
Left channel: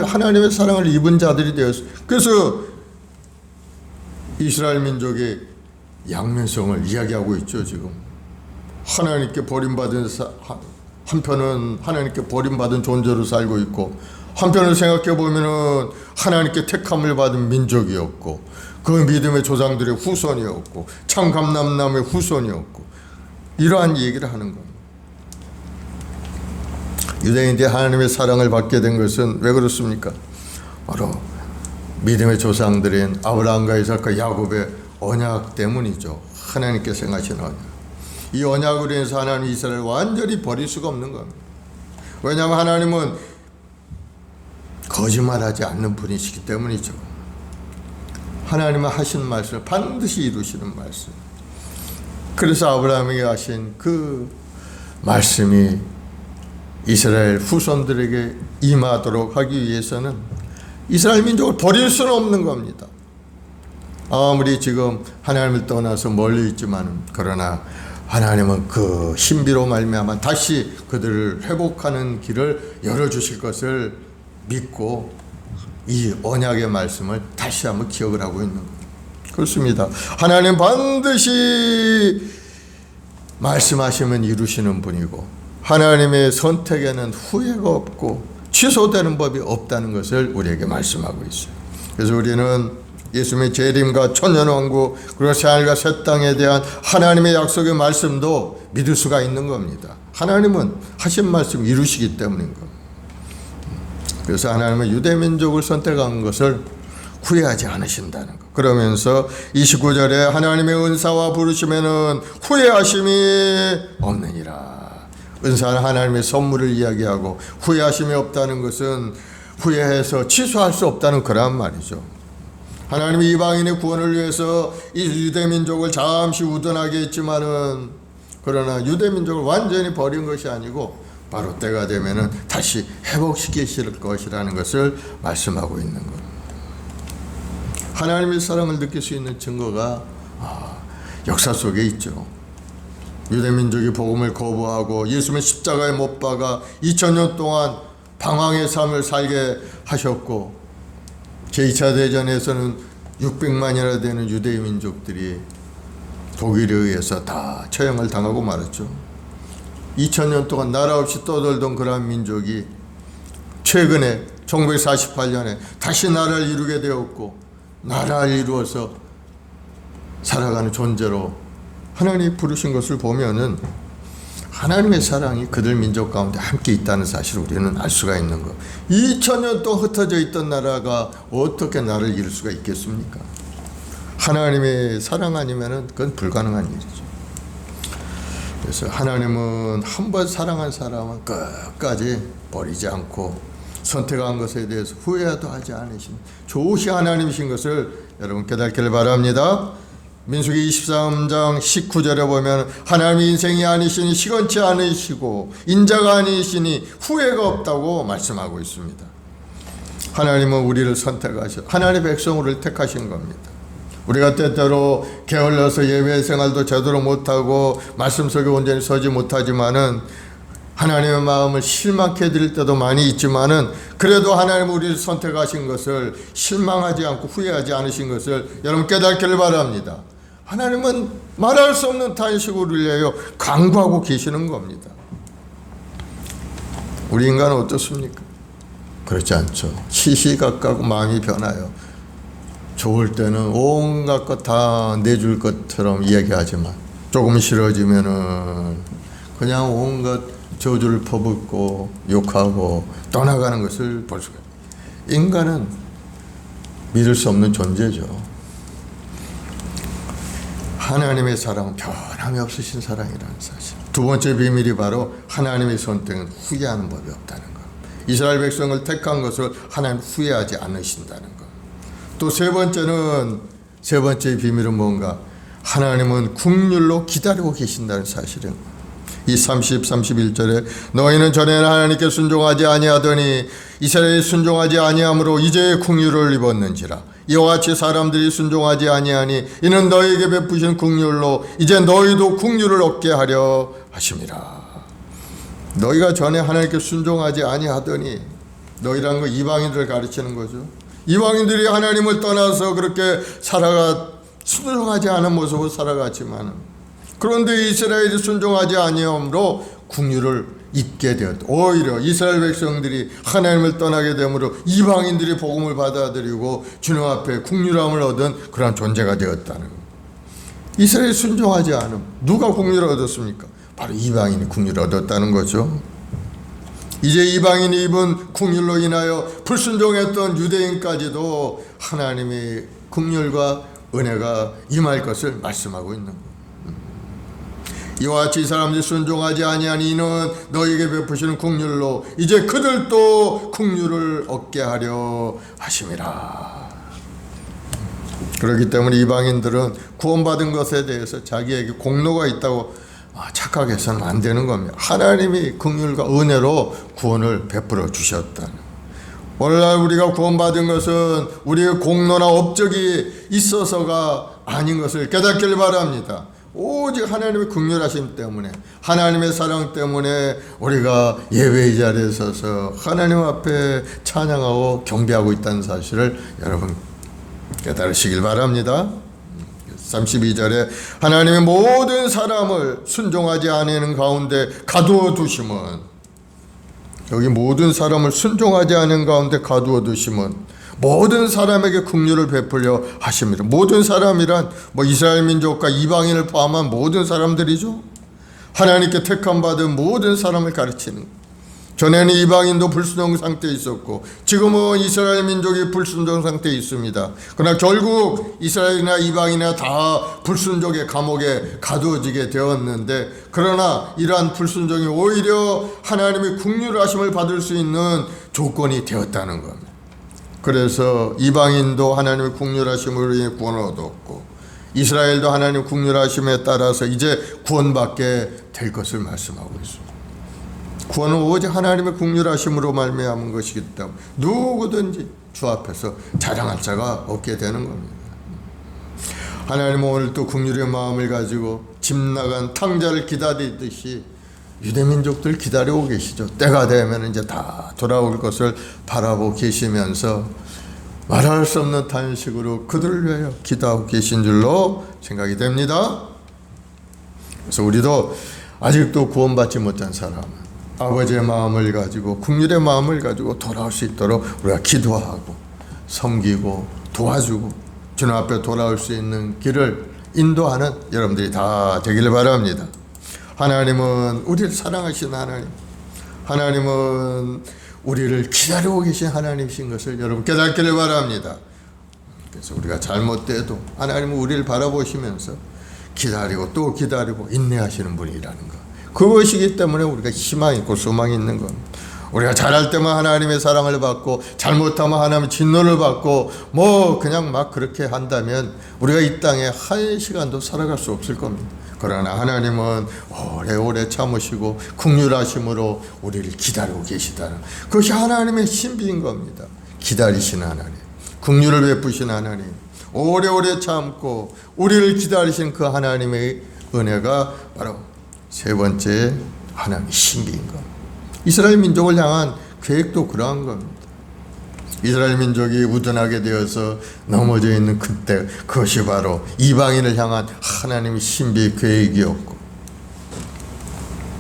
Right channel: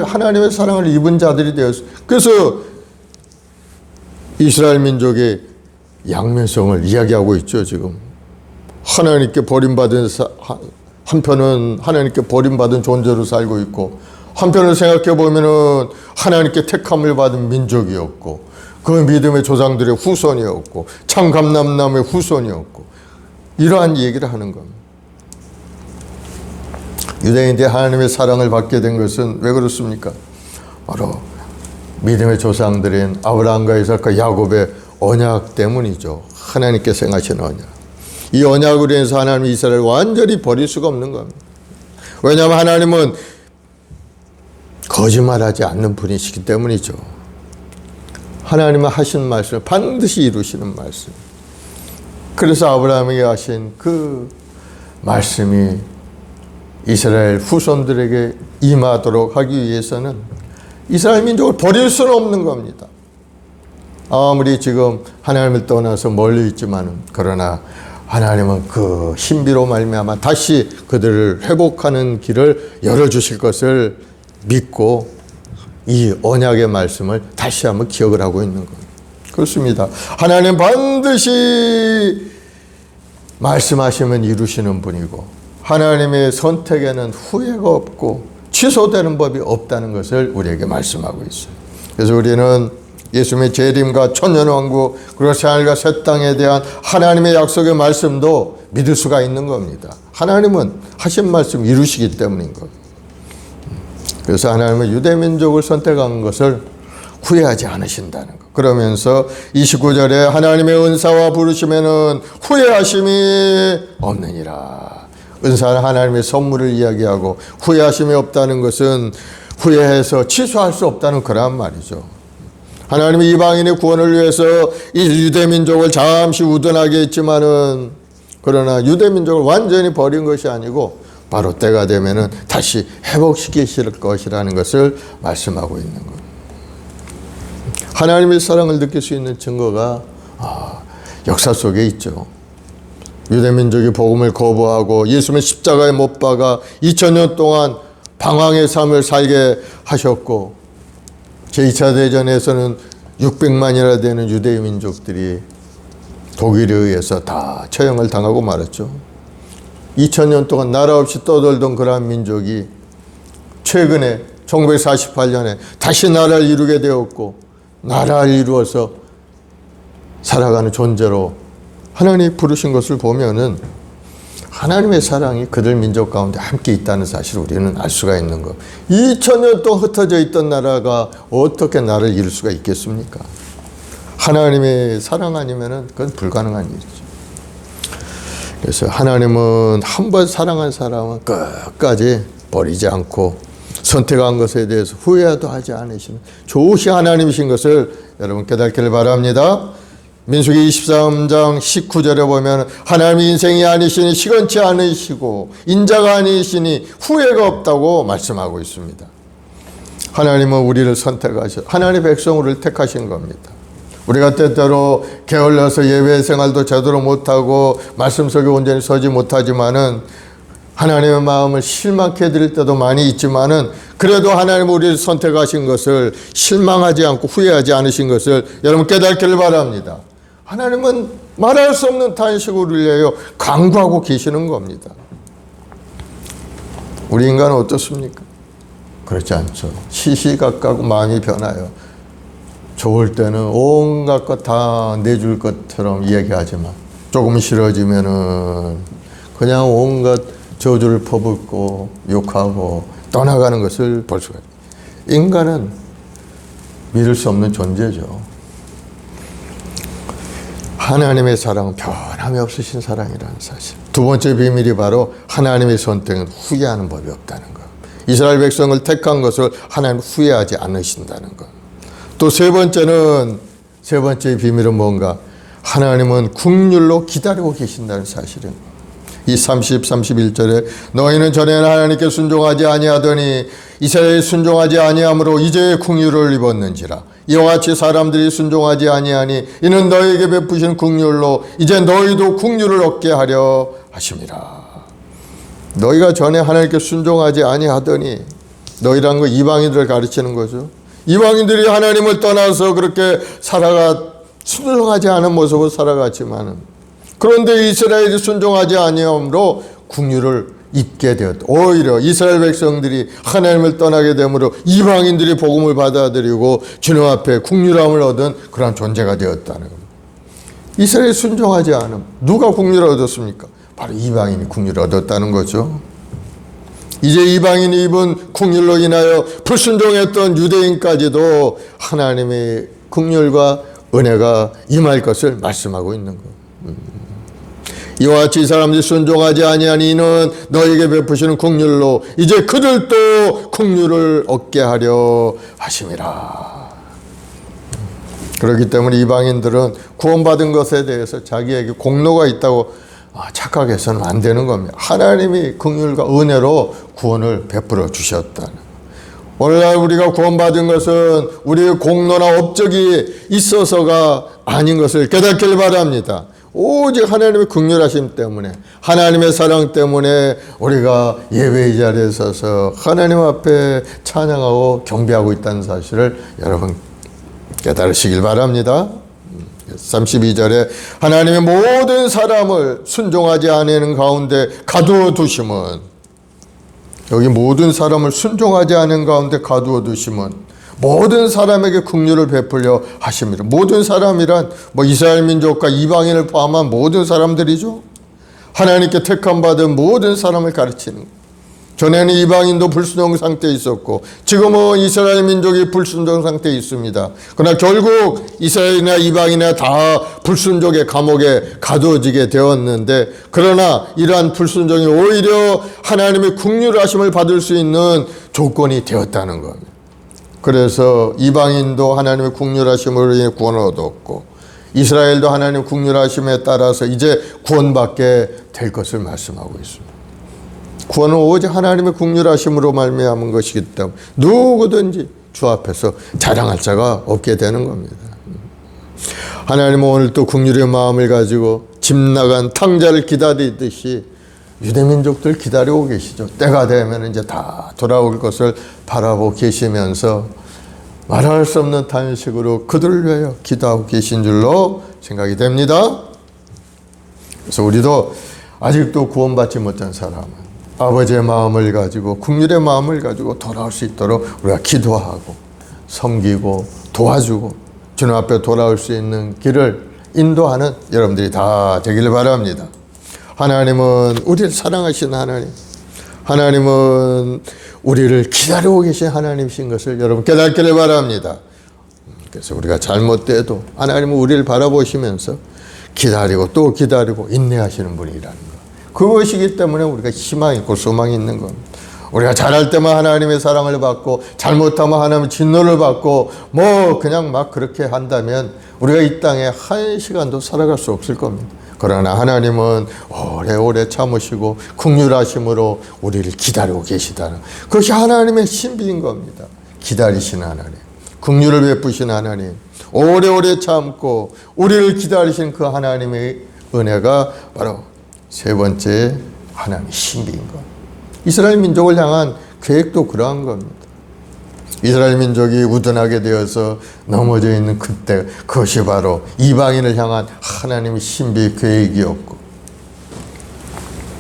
하나님의 사랑을 입은 자들이 되었어요. 그래서 이스라엘 민족의 양면성을 이야기하고 있죠. 지금 하나님께 버림받은 한편은 하나님께 버림받은 존재로 살고 있고, 한편으로 생각해 보면은 하나님께 택함을 받은 민족이었고, 그 믿음의 조상들의 후손이었고, 참 감람남의 후손이었고, 이러한 얘기를 하는 겁니다. 유대인들이 하나님의 사랑을 받게 된 것은 왜 그렇습니까? 바로 믿음의 조상들인 아브라함과 이삭과 야곱의 언약 때문이죠. 하나님께서 행하신 언약. 이 언약으로 인해서 하나님이 이스라엘을 완전히 버릴 수가 없는 겁니다. 왜냐하면 하나님은 거짓말하지 않는 분이시기 때문이죠. 하나님은 하신 말씀을 반드시 이루시는 말씀. 그래서 아브라함에게 하신 그 말씀이 이스라엘 후손들에게 임하도록 하기 위해서는 이스라엘 민족을 버릴 수는 없는 겁니다. 아무리 지금 하나님을 떠나서 멀리 있지만, 그러나 하나님은 그 신비로 말미암아 다시 그들을 회복하는 길을 열어주실 것을 믿고 이 언약의 말씀을 다시 한번 기억을 하고 있는 거예요. 그렇습니다. 하나님 반드시 말씀하시면 이루시는 분이고, 하나님의 선택에는 후회가 없고 취소되는 법이 없다는 것을 우리에게 말씀하고 있어요. 그래서 우리는 예수님의 재림과 천년왕국, 그리고 새하늘과 새 땅에 대한 하나님의 약속의 말씀도 믿을 수가 있는 겁니다. 하나님은 하신 말씀 이루시기 때문인 겁니다. 그래서 하나님은 유대민족을 선택한 것을 후회하지 않으신다는 것. 그러면서 29절에 하나님의 은사와 부르심에는 후회하심이 없느니라. 은사는 하나님의 선물을 이야기하고, 후회하심이 없다는 것은 후회해서 취소할 수 없다는 그런 말이죠. 하나님이 이방인의 구원을 위해서 이 유대민족을 잠시 우둔하게 했지만은, 그러나 유대민족을 완전히 버린 것이 아니고 바로 때가 되면은 다시 회복시키실 것이라는 것을 말씀하고 있는 겁니다. 하나님의 사랑을 느낄 수 있는 증거가 역사 속에 있죠. 유대민족이 복음을 거부하고 예수님의 십자가에 못 박아 2000년 동안 방황의 삶을 살게 하셨고, 제2차 대전에서는 600만이나 되는 유대 민족들이 독일에 의해서 다 처형을 당하고 말았죠. 2000년 동안 나라 없이 떠돌던 그러한 민족이 최근에 1948년에 다시 나라를 이루게 되었고, 나라를 이루어서 살아가는 존재로 하나님이 부르신 것을 보면은 하나님의 사랑이 그들 민족 가운데 함께 있다는 사실을 우리는 알 수가 있는 것. 2000년 동안 흩어져 있던 나라가 어떻게 나라를 이룰 수가 있겠습니까? 하나님의 사랑 아니면은 그건 불가능한 일이죠. 그래서 하나님은 한 번 사랑한 사람은 끝까지 버리지 않고 선택한 것에 대해서 후회도 하지 않으시는 좋으신 하나님이신 것을 여러분 깨닫기를 바랍니다. 민수기 23장 19절에 보면 하나님이 인생이 아니시니 시건치 않으시고 인자가 아니시니 후회가 없다고 말씀하고 있습니다. 하나님은 우리를 선택하셔 하나님의 백성을 택하신 겁니다. 우리가 때때로 게을러서 예배 생활도 제대로 못하고 말씀 속에 온전히 서지 못하지만은 하나님의 마음을 실망케 해드릴 때도 많이 있지만은 그래도 하나님 우리를 선택하신 것을 실망하지 않고 후회하지 않으신 것을 여러분 깨닫기를 바랍니다. 하나님은 말할 수 없는 탄식을 울려요 간구하고 계시는 겁니다. 우리 인간은 어떻습니까? 그렇지 않죠. 시시각각 마음이 변해요. 좋을 때는 온갖 것 다 내줄 것처럼 이야기하지만 조금 싫어지면은 그냥 온갖 저주를 퍼붓고 욕하고 떠나가는 것을 볼 수가 있습니다. 인간은 믿을 수 없는 존재죠. 하나님의 사랑은 변함이 없으신 사랑이라는 사실. 두 번째 비밀이 바로 하나님의 선택은 후회하는 법이 없다는 것. 이스라엘 백성을 택한 것을 하나님 후회하지 않으신다는 것. 또 세 번째 비밀은 뭔가? 하나님은 긍휼로 기다리고 계신다는 사실인 것. 이 30, 31절에 너희는 전에는 하나님께 순종하지 아니하더니 이스라엘이 순종하지 아니함으로 이제 긍휼을 입었는지라. 이와 같이 사람들이 순종하지 아니하니 이는 너희에게 베푸신 긍휼로 이제 너희도 긍휼을 얻게 하려 하심이라. 너희가 전에 하나님께 순종하지 아니하더니, 너희라는 거 이방인들을 가르치는 거죠. 이방인들이 하나님을 떠나서 그렇게 순종하지 않은 모습으로 살아갔지만, 그런데 이스라엘이 순종하지 아니함으로 긍휼을 잊게 되었다. 오히려 이스라엘 백성들이 하나님을 떠나게 되므로 이방인들이 복음을 받아들이고 주님 앞에 긍휼함을 얻은 그런 존재가 되었다는 겁니다. 이스라엘이 순종하지 않음 누가 긍휼을 얻었습니까? 바로 이방인이 긍휼을 얻었다는 거죠. 이제 이방인이 입은 긍휼로 인하여 불순종했던 유대인까지도 하나님의 긍휼과 은혜가 임할 것을 말씀하고 있는 거예요. 이와 같이 이 사람들이 순종하지 아니하니 이는 너에게 베푸시는 긍휼로 이제 그들도 긍휼을 얻게 하려 하심이라. 그렇기 때문에 이방인들은 구원받은 것에 대해서 자기에게 공로가 있다고 착각해서는 안 되는 겁니다. 하나님이 긍휼과 은혜로 구원을 베풀어 주셨다는. 오늘날 우리가 구원받은 것은 우리의 공로나 업적이 있어서가 아닌 것을 깨닫길 바랍니다. 오직 하나님의 긍휼하심 때문에 하나님의 사랑 때문에 우리가 예배의 자리에 서서 하나님 앞에 찬양하고 경배하고 있다는 사실을 여러분 깨달으시길 바랍니다. 32절에 하나님의 모든 사람을 순종하지 않는 가운데 가두어 두심은, 여기 모든 사람을 순종하지 않는 가운데 가두어 두심은 모든 사람에게 긍휼을 베풀려 하십니다. 모든 사람이란 이스라엘 민족과 이방인을 포함한 모든 사람들이죠. 하나님께 택함 받은 모든 사람을 가르치는 거예요. 전에는 이방인도 불순종 상태에 있었고 지금은 이스라엘 민족이 불순종 상태에 있습니다. 그러나 결국 이스라엘이나 이방인이나 다 불순종의 감옥에 가두어지게 되었는데, 그러나 이러한 불순종이 오히려 하나님의 긍휼하심을 받을 수 있는 조건이 되었다는 겁니다. 그래서 이방인도 하나님의 긍휼하심으로 인해 구원을 얻었고 이스라엘도 하나님의 긍휼하심에 따라서 이제 구원받게 될 것을 말씀하고 있습니다. 구원은 오직 하나님의 긍휼하심으로 말미암은 것이기 때문에 누구든지 주 앞에서 자랑할 자가 없게 되는 겁니다. 하나님은 오늘 또 긍휼의 마음을 가지고 집 나간 탕자를 기다리듯이 유대민족들 기다리고 계시죠. 때가 되면 이제 다 돌아올 것을 바라보고 계시면서 말할 수 없는 탄식으로 그들을 위하여 기도하고 계신 줄로 생각이 됩니다. 그래서 우리도 아직도 구원받지 못한 사람은 아버지의 마음을 가지고 긍휼의 마음을 가지고 돌아올 수 있도록 우리가 기도하고 섬기고 도와주고 주님 앞에 돌아올 수 있는 길을 인도하는 여러분들이 다 되기를 바랍니다. 하나님은 우리를 사랑하시는 하나님, 하나님은 우리를 기다리고 계신 하나님이신 것을 여러분 깨닫기를 바랍니다. 그래서 우리가 잘못돼도 하나님은 우리를 바라보시면서 기다리고 또 기다리고 인내하시는 분이라는 것, 그것이기 때문에 우리가 희망이 있고 소망이 있는 겁니다. 우리가 잘할 때만 하나님의 사랑을 받고 잘못하면 하나님의 진노를 받고 그냥 막 그렇게 한다면 우리가 이 땅에 한 시간도 살아갈 수 없을 겁니다. 그러나 하나님은 오래오래 참으시고 긍휼하심으로 우리를 기다리고 계시다는, 그것이 하나님의 신비인 겁니다. 기다리시는 하나님, 긍휼을 베푸신 하나님, 오래오래 참고 우리를 기다리신 그 하나님의 은혜가 바로 세 번째 하나님의 신비인 것. 이스라엘 민족을 향한 계획도 그러한 겁니다. 이스라엘 민족이 우둔하게 되어서 넘어져 있는 그때, 그것이 바로 이방인을 향한 하나님의 신비의 계획이었고,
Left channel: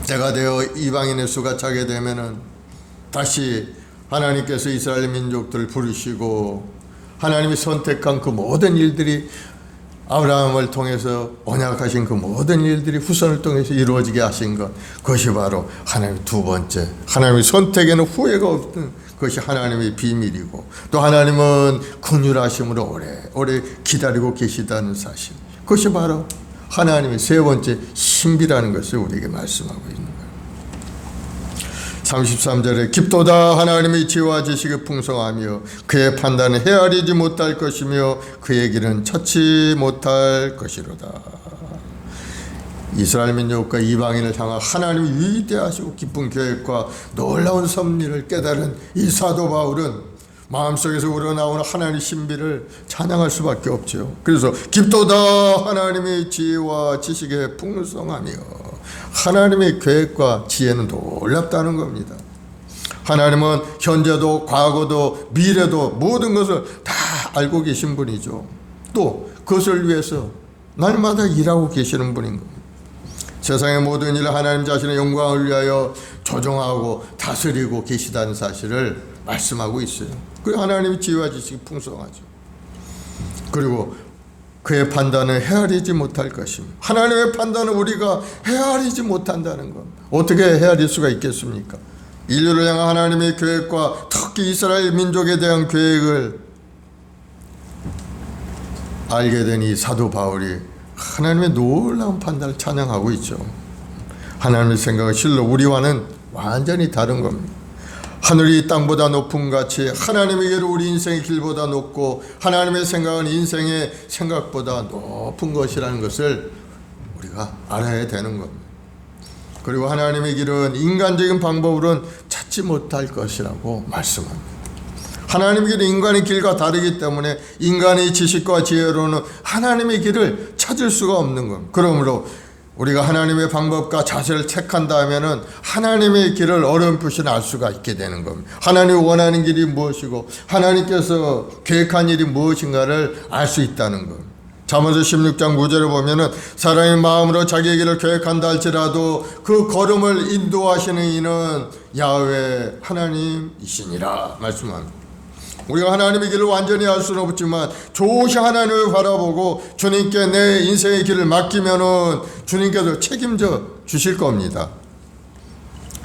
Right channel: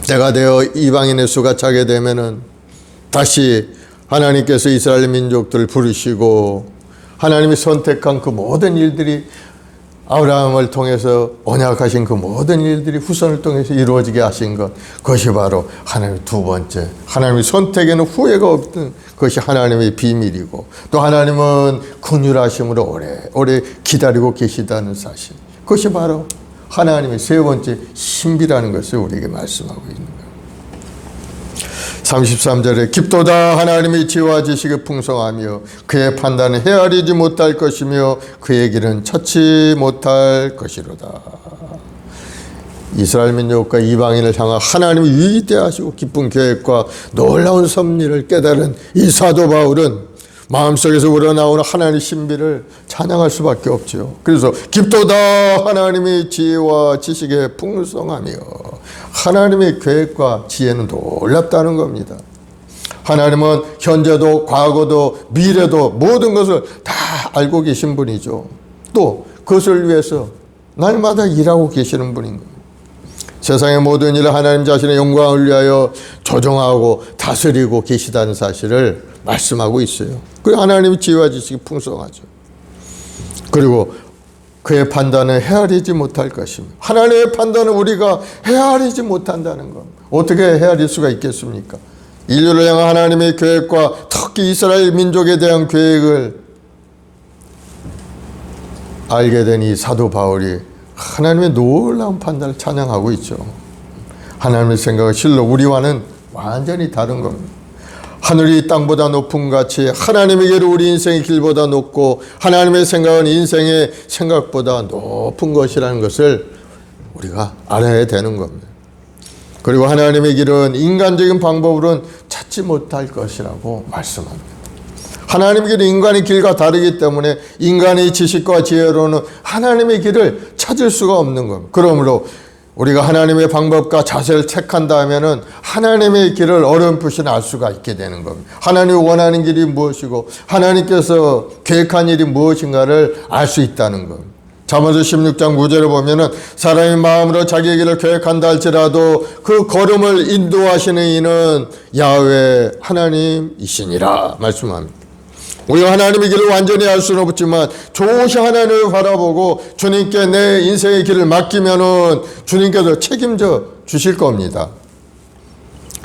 때가 되어 이방인의 수가 차게 되면은 다시 하나님께서 이스라엘 민족들을 부르시고 하나님이 선택한 그 모든 일들이, 아브라함을 통해서 언약하신 그 모든 일들이 후손을 통해서 이루어지게 하신 것, 그것이 바로 하나님의 두 번째, 하나님의 선택에는 후회가 없는 그것이 하나님의 비밀이고, 또 하나님은 긍휼하심으로 오래 기다리고 계시다는 사실, 그것이 바로 하나님의 세 번째 신비라는 것을 우리에게 말씀하고 있는 거예요. 33절에 깊도다 하나님의 지혜와 지식이 풍성하며 그의 판단은 헤아리지 못할 것이며 그의 길은 찾지 못할 것이로다. 이스라엘 민족과 이방인을 향한 하나님의 위대하시고 깊은 계획과 놀라운 섭리를 깨달은 이 사도 바울은 마음속에서 우러나오는 하나님의 신비를 찬양할 수밖에 없지요. 그래서 깊도다 하나님의 지혜와 지식에 풍성하며, 하나님의 계획과 지혜는 놀랍다는 겁니다. 하나님은 현재도 과거도 미래도 모든 것을 다 알고 계신 분이죠. 또 그것을 위해서 날마다 일하고 계시는 분인 겁니다. 세상의 모든 일을 하나님 자신의 영광을 위하여 조정하고 다스리고 계시다는 사실을 말씀하고 있어요. 그리고 하나님의 지혜와 지식이 풍성하죠. 그리고 그의 판단은 헤아리지 못할 것입니다. 하나님의 판단은 우리가 헤아리지 못한다는 것. 어떻게 헤아릴 수가 있겠습니까? 인류를 향한 하나님의 계획과 특히 이스라엘 민족에 대한 계획을 알게 된 이 사도 바울이 하나님의 놀라운 판단을 찬양하고 있죠. 하나님의 생각은 실로 우리와는 완전히 다른 겁니다. 하늘이 땅보다 높은 같이 하나님의 길은 우리 인생의 길보다 높고 하나님의 생각은 인생의 생각보다 높은 것이라는 것을 우리가 알아야 되는 겁니다. 그리고 하나님의 길은 인간적인 방법으로는 찾지 못할 것이라고 말씀합니다. 하나님의 길은 인간의 길과 다르기 때문에 인간의 지식과 지혜로는 하나님의 길을 찾을 수가 없는 겁니다. 그러므로 우리가 하나님의 방법과 자세를 택한다면은 하나님의 길을 어렴풋이 알 수가 있게 되는 겁니다. 하나님이 원하는 길이 무엇이고 하나님께서 계획한 일이 무엇인가를 알 수 있다는 겁니다. 잠언서 16장 9절에 보면은 사람의 마음으로 자기의 길을 계획한다 할지라도 그 걸음을 인도하시는 이는 야훼 하나님이시니라 말씀합니다. 우리가 하나님의 길을 완전히 알 수는 없지만 조금씩 하나님을 바라보고 주님께 내 인생의 길을 맡기면은 주님께서 책임져 주실 겁니다.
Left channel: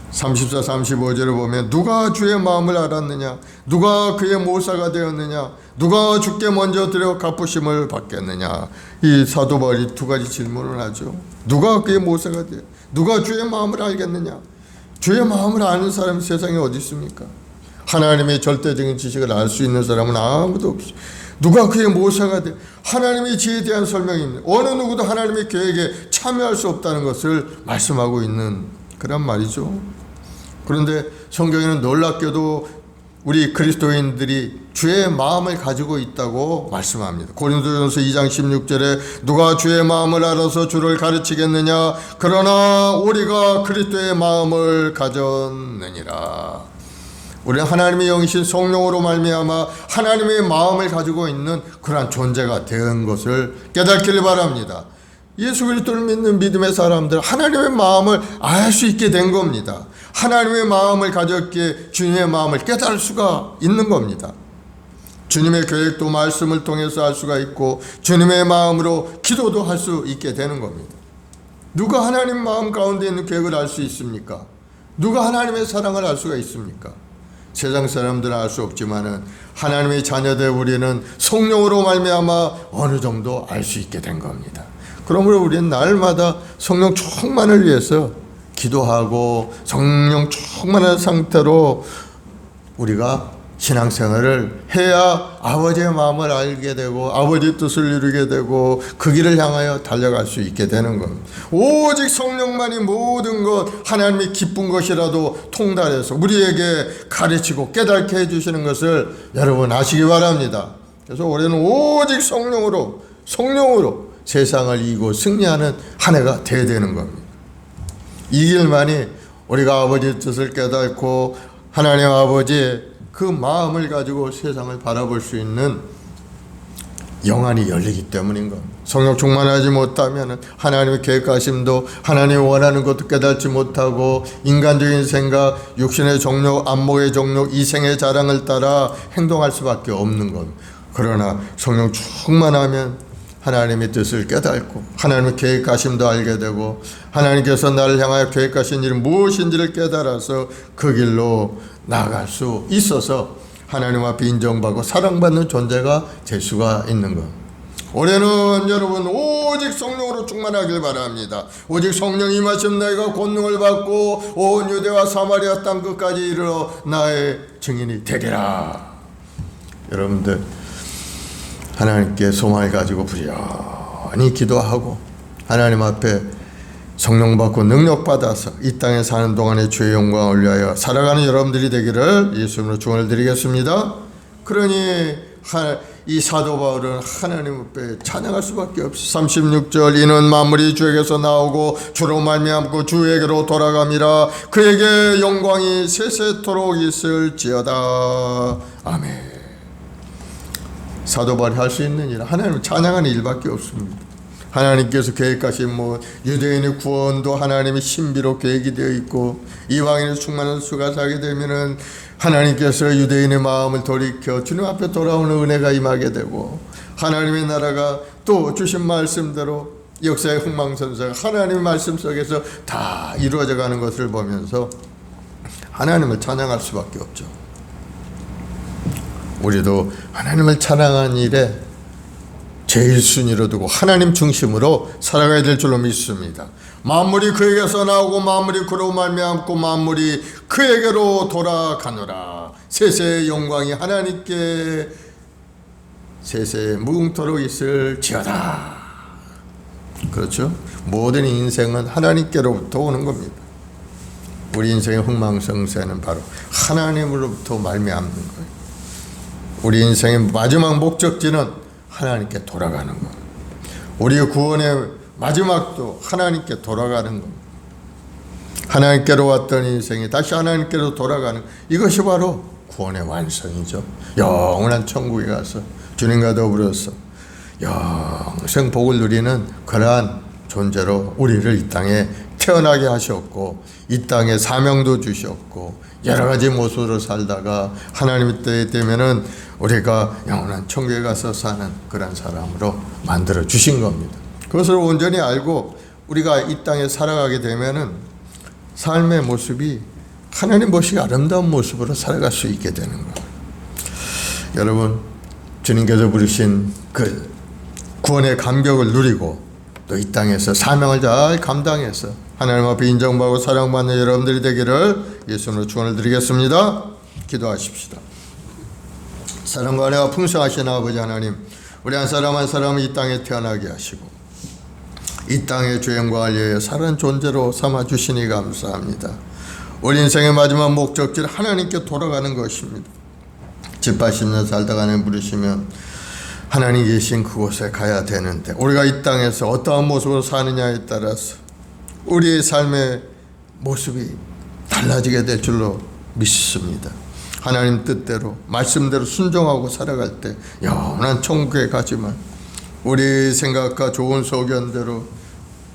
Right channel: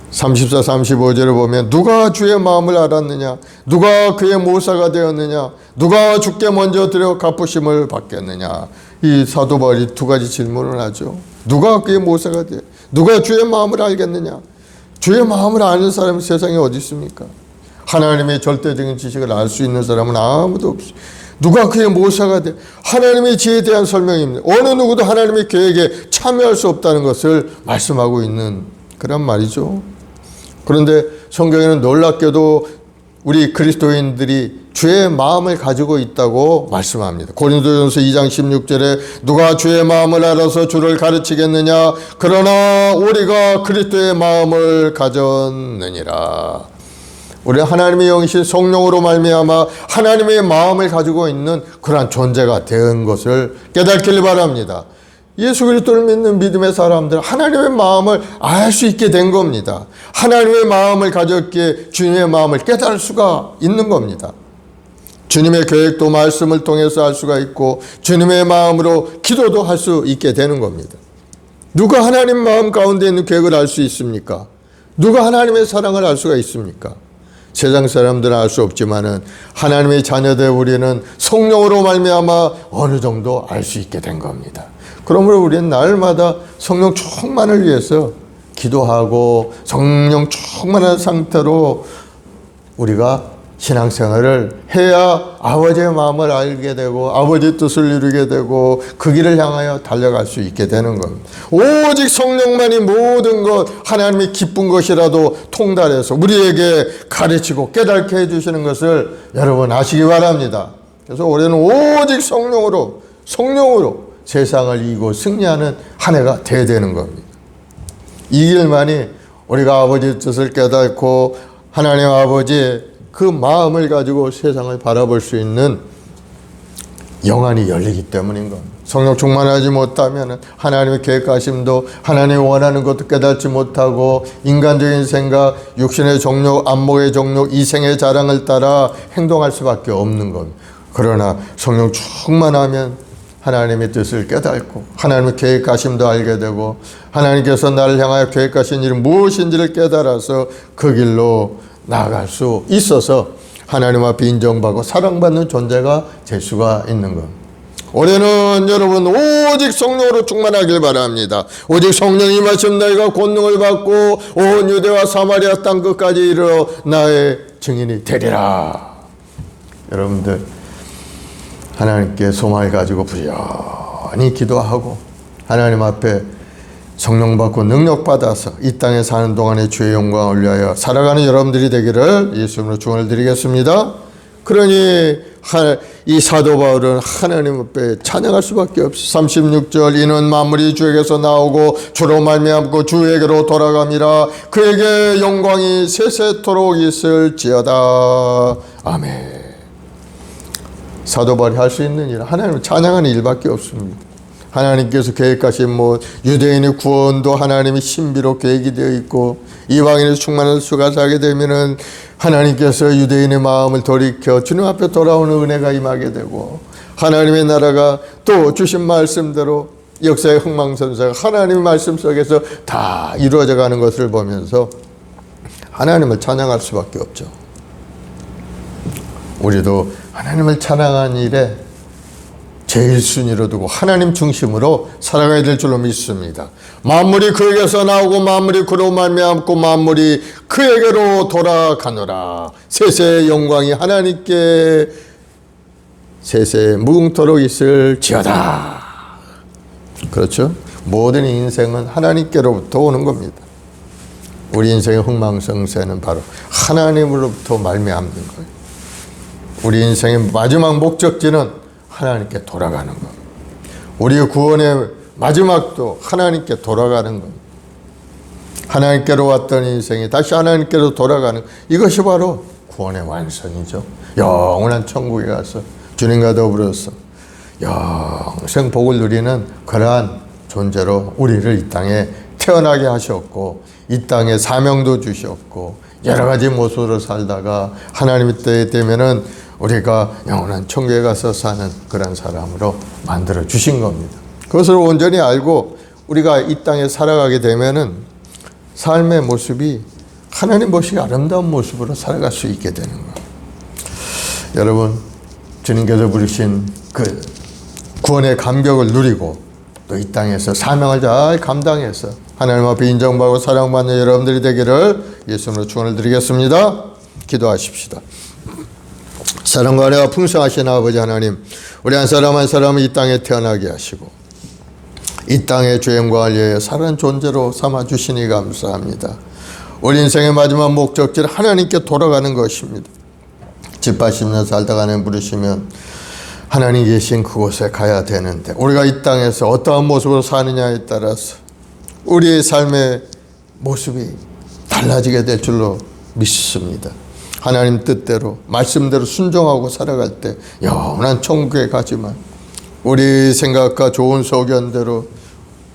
34, 35절을 보면 누가 주의 마음을 알았느냐? 누가 그의 모사가 되었느냐? 누가 주께 먼저 드려 갚으심을 받겠느냐? 이 사도 바울이 두 가지 질문을 하죠. 누가 그의 모사가 되어? 누가 주의 마음을 알겠느냐? 주의 마음을 아는 사람은 세상에 어디 있습니까? 하나님의 절대적인 지식을 알 수 있는 사람은 아무도 없어요. 누가 그의 모사가 돼? 하나님의 지혜에 대한 설명입니다. 어느 누구도 하나님의 계획에 참여할 수 없다는 것을 말씀하고 있는 그런 말이죠. 그런데 성경에는 놀랍게도 우리 그리스도인들이 주의 마음을 가지고 있다고 말씀합니다. 고린도전서 2장 16절에 누가 주의 마음을 알아서 주를 가르치겠느냐? 그러나 우리가 그리스도의 마음을 가졌느니라. 우리는 하나님의 영이신 성령으로 말미암아 하나님의 마음을 가지고 있는 그러한 존재가 된 것을 깨닫길 바랍니다. 예수 그리스도를 믿는 믿음의 사람들은 하나님의 마음을 알 수 있게 된 겁니다. 하나님의 마음을 가졌기에 주님의 마음을 깨달을 수가 있는 겁니다. 주님의 계획도 말씀을 통해서 알 수가 있고 주님의 마음으로 기도도 할 수 있게 되는 겁니다. 누가 하나님 마음 가운데 있는 계획을 알 수 있습니까? 누가 하나님의 사랑을 알 수가 있습니까? 세상 사람들은 알 수 없지만은 하나님의 자녀들 우리는 성령으로 말미암아 어느 정도 알 수 있게 된 겁니다. 그러므로 우리는 날마다 성령 충만을 위해서 기도하고 성령 충만한 상태로 우리가 신앙생활을 해야 아버지의 마음을 알게 되고 아버지의 뜻을 이루게 되고 그 길을 향하여 달려갈 수 있게 되는 겁니다. 오직 성령만이 모든 것 하나님이 기쁜 것이라도 통달해서 우리에게 가르치고 깨닫게 해주시는 것을 여러분 아시기 바랍니다. 그래서 올해는 오직 성령으로 세상을 이기고 승리하는 한 해가 되어야 되는 겁니다. 이 길만이 우리가 아버지의 뜻을 깨닫고 하나님 아버지의 그 마음을 가지고 세상을 바라볼 수 있는 영안이 열리기 때문인 겁니다. 성령 충만하지 못하면 하나님의 계획하심도 하나님이 원하는 것도 깨닫지 못하고 인간적인 생각, 육신의 정욕, 안목의 정욕, 이생의 자랑을 따라 행동할 수밖에 없는 겁니다. 그러나 성령 충만하면 하나님의 뜻을 깨닫고 하나님의 계획하심도 알게 되고 하나님께서 나를 향하여 계획하신 일은 무엇인지를 깨달아서 그 길로 나아갈 수 있어서 하나님 앞에 인정받고 사랑받는 존재가 될 수가 있는 것. 올해는 여러분 오직 성령으로 충만하길 바랍니다. 오직 성령이 임하신 너희가 권능을 받고 온 유대와 사마리아 땅 끝까지 이르러 나의 증인이 되리라. 여러분들 하나님께 소망을 가지고 부지런히 기도하고 하나님 앞에 성령 받고 능력 받아서 이 땅에 사는 동안에 주의 영광을 위하여 살아가는 여러분들이 되기를 예수님으로 축원을 드리겠습니다. 그러니 이 사도 바울은 하나님 앞에 찬양할 수밖에 없이 36절 이는 만물이 주에게서 나오고 주로 말미암고 주에게로 돌아감이라 그에게 영광이 세세토록 있을지어다. 아멘. 사도 바울이 할 수 있는 일 하나님을 찬양하는 일밖에 없습니다. 하나님께서 계획하신 유대인의 구원도 하나님의 신비로 계획이 되어 있고, 이방인의 충만한 수가 사게 되면은 하나님께서 유대인의 마음을 돌이켜 주님 앞에 돌아오는 은혜가 임하게 되고, 하나님의 나라가 또 주신 말씀대로 역사의 흥망성쇠가 하나님의 말씀 속에서 다 이루어져 가는 것을 보면서 하나님을 찬양할 수밖에 없죠. 우리도 하나님을 찬양하는 일에 제일 순위로 두고 하나님 중심으로 살아가야 될 줄로 믿습니다. 만물이 그에게서 나오고 만물이 그로 말미암고 만물이 그에게로 돌아가노라. 세세의 영광이 하나님께 세세 무궁토록 있을지어다. 그렇죠? 모든 인생은 하나님께로부터 오는 겁니다. 우리 인생의 흥망성쇠는 바로 하나님으로부터 말미암는 거예요. 우리 인생의 마지막 목적지는 하나님께 돌아가는 겁니다. 우리의 구원의 마지막도 하나님께 돌아가는 겁니다. 하나님께로 왔던 인생이 다시 하나님께로 돌아가는, 이것이 바로 구원의 완성이죠. 영원한 천국에 가서 주님과 더불어서 영생 복을 누리는 그러한 존재로 우리를 이 땅에 태어나게 하셨고, 이 땅에 사명도 주셨고, 여러 가지 모습으로 살다가 하나님의 때에 되면은 우리가 영원한 천국에 가서 사는 그런 사람으로 만들어 주신 겁니다. 그것을 온전히 알고 우리가 이 땅에 살아가게 되면은 삶의 모습이 하나님 보시기 아름다운 모습으로 살아갈 수 있게 되는 거예요. 여러분, 주님께서 부르신 그 구원의 감격을 누리고 또 이 땅에서 사명을 잘 감당해서 하나님 앞에 인정받고 사랑받는 여러분들이 되기를 예수님으로 축원을 드리겠습니다. 기도하십시다. 사랑과 은혜가 풍성하신 아버지 하나님, 우리 한 사람 한 사람을 이 땅에 태어나게 하시고 이 땅의 죄인과 위하여 살아난 존재로 삼아주시니 감사합니다. 우리 인생의 마지막 목적지는 하나님께 돌아가는 것입니다. 집 80년 살다가 하나님 부르시면 하나님 계신 그곳에 가야 되는데, 우리가 이 땅에서 어떠한 모습으로 사느냐에 따라서 우리의 삶의 모습이 달라지게 될 줄로 믿습니다. 하나님 뜻대로 말씀대로 순종하고 살아갈 때 영원한 천국에 가지만, 우리 생각과 좋은 소견대로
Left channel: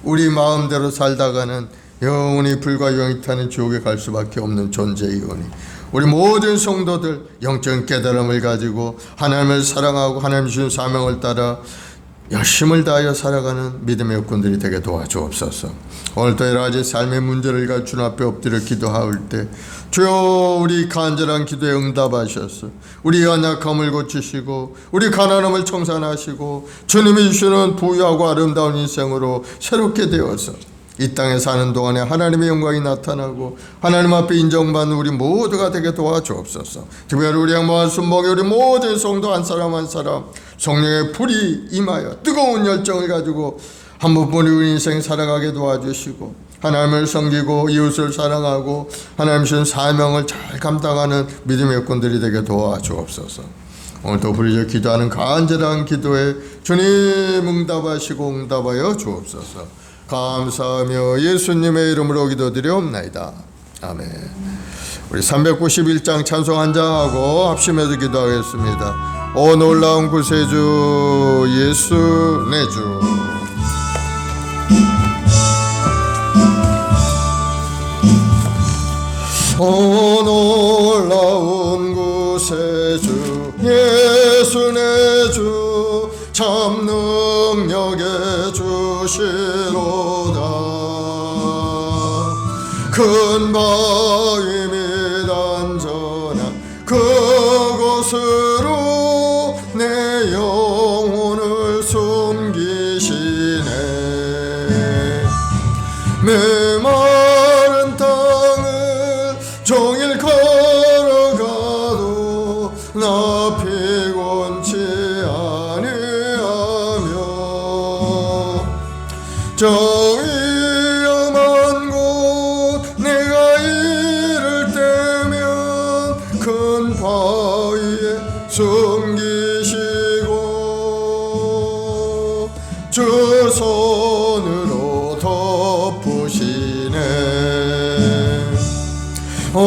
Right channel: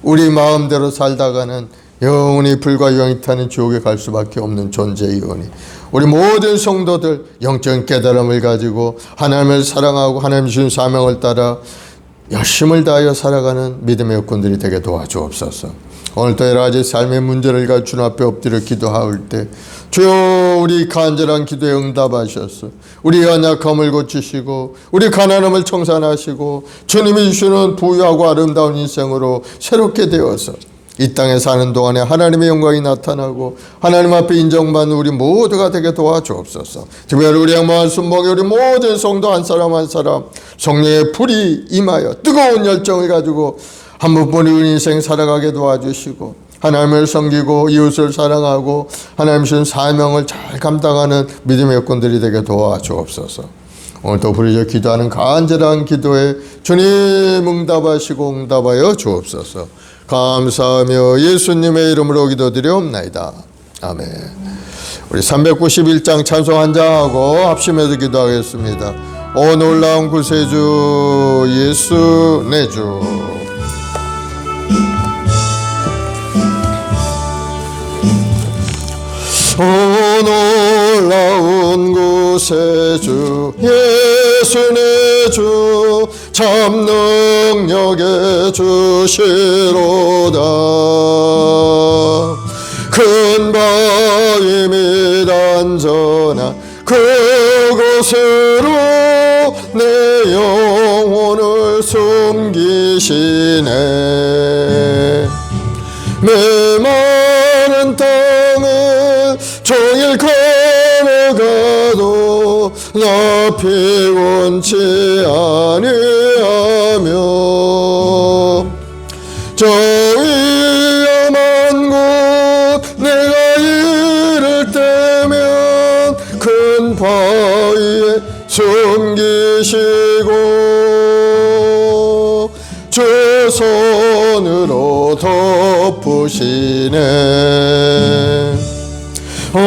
우리 마음대로 살다가는 영원히 불과 영이 타는 지옥에 갈 수밖에 없는 존재이오니, 우리 모든 성도들 영적인 깨달음을 가지고 하나님을 사랑하고 하나님 주신 사명을 따라 열심을 다하여 살아가는 믿음의 여건들이 되게 도와주옵소서. 오늘도 여러 가지 삶의 문제를 가지고 주님 앞에 엎드려 기도할 때 주여, 우리 간절한 기도에 응답하셔서 우리 연약함을 고치시고 우리 가난함을 청산하시고 주님이 주시는 부유하고 아름다운 인생으로 새롭게 되어서 이 땅에 사는 동안에 하나님의 영광이 나타나고 하나님 앞에 인정받는 우리 모두가 되게 도와주옵소서. 특별히 우리 양반 순복의 우리 모든 성도 한 사람 한 사람 성령의 불이 임하여 뜨거운 열정을 가지고 한 번뿐인 우리 인생 살아가게 도와주시고, 하나님을 섬기고 이웃을 사랑하고 하나님 주신 사명을 잘 감당하는 믿음의 여건들이 되게 도와주옵소서. 오늘도 부르짖어 기도하는 간절한 기도에 주님 응답하시고 응답하여 주옵소서. 감사하며 예수님의 이름으로 기도드리옵나이다. 아멘. 우리 391장 찬송 한 장하고 합심해서 기도하겠습니다. 오 놀라운 구세주 예수 내 주. 오 놀라운 구세주 예수 내 주, 참 능력의 주시로다. 큰 바위 및 안전한 그곳으로 내 영혼을 숨기시네. 메마른 땅을 종일 걸어가도 나 피곤치 아니하며 저 위험한 곳 내가 이를 때면 큰 바위에 숨기시고 주 손으로 덮으시네. 오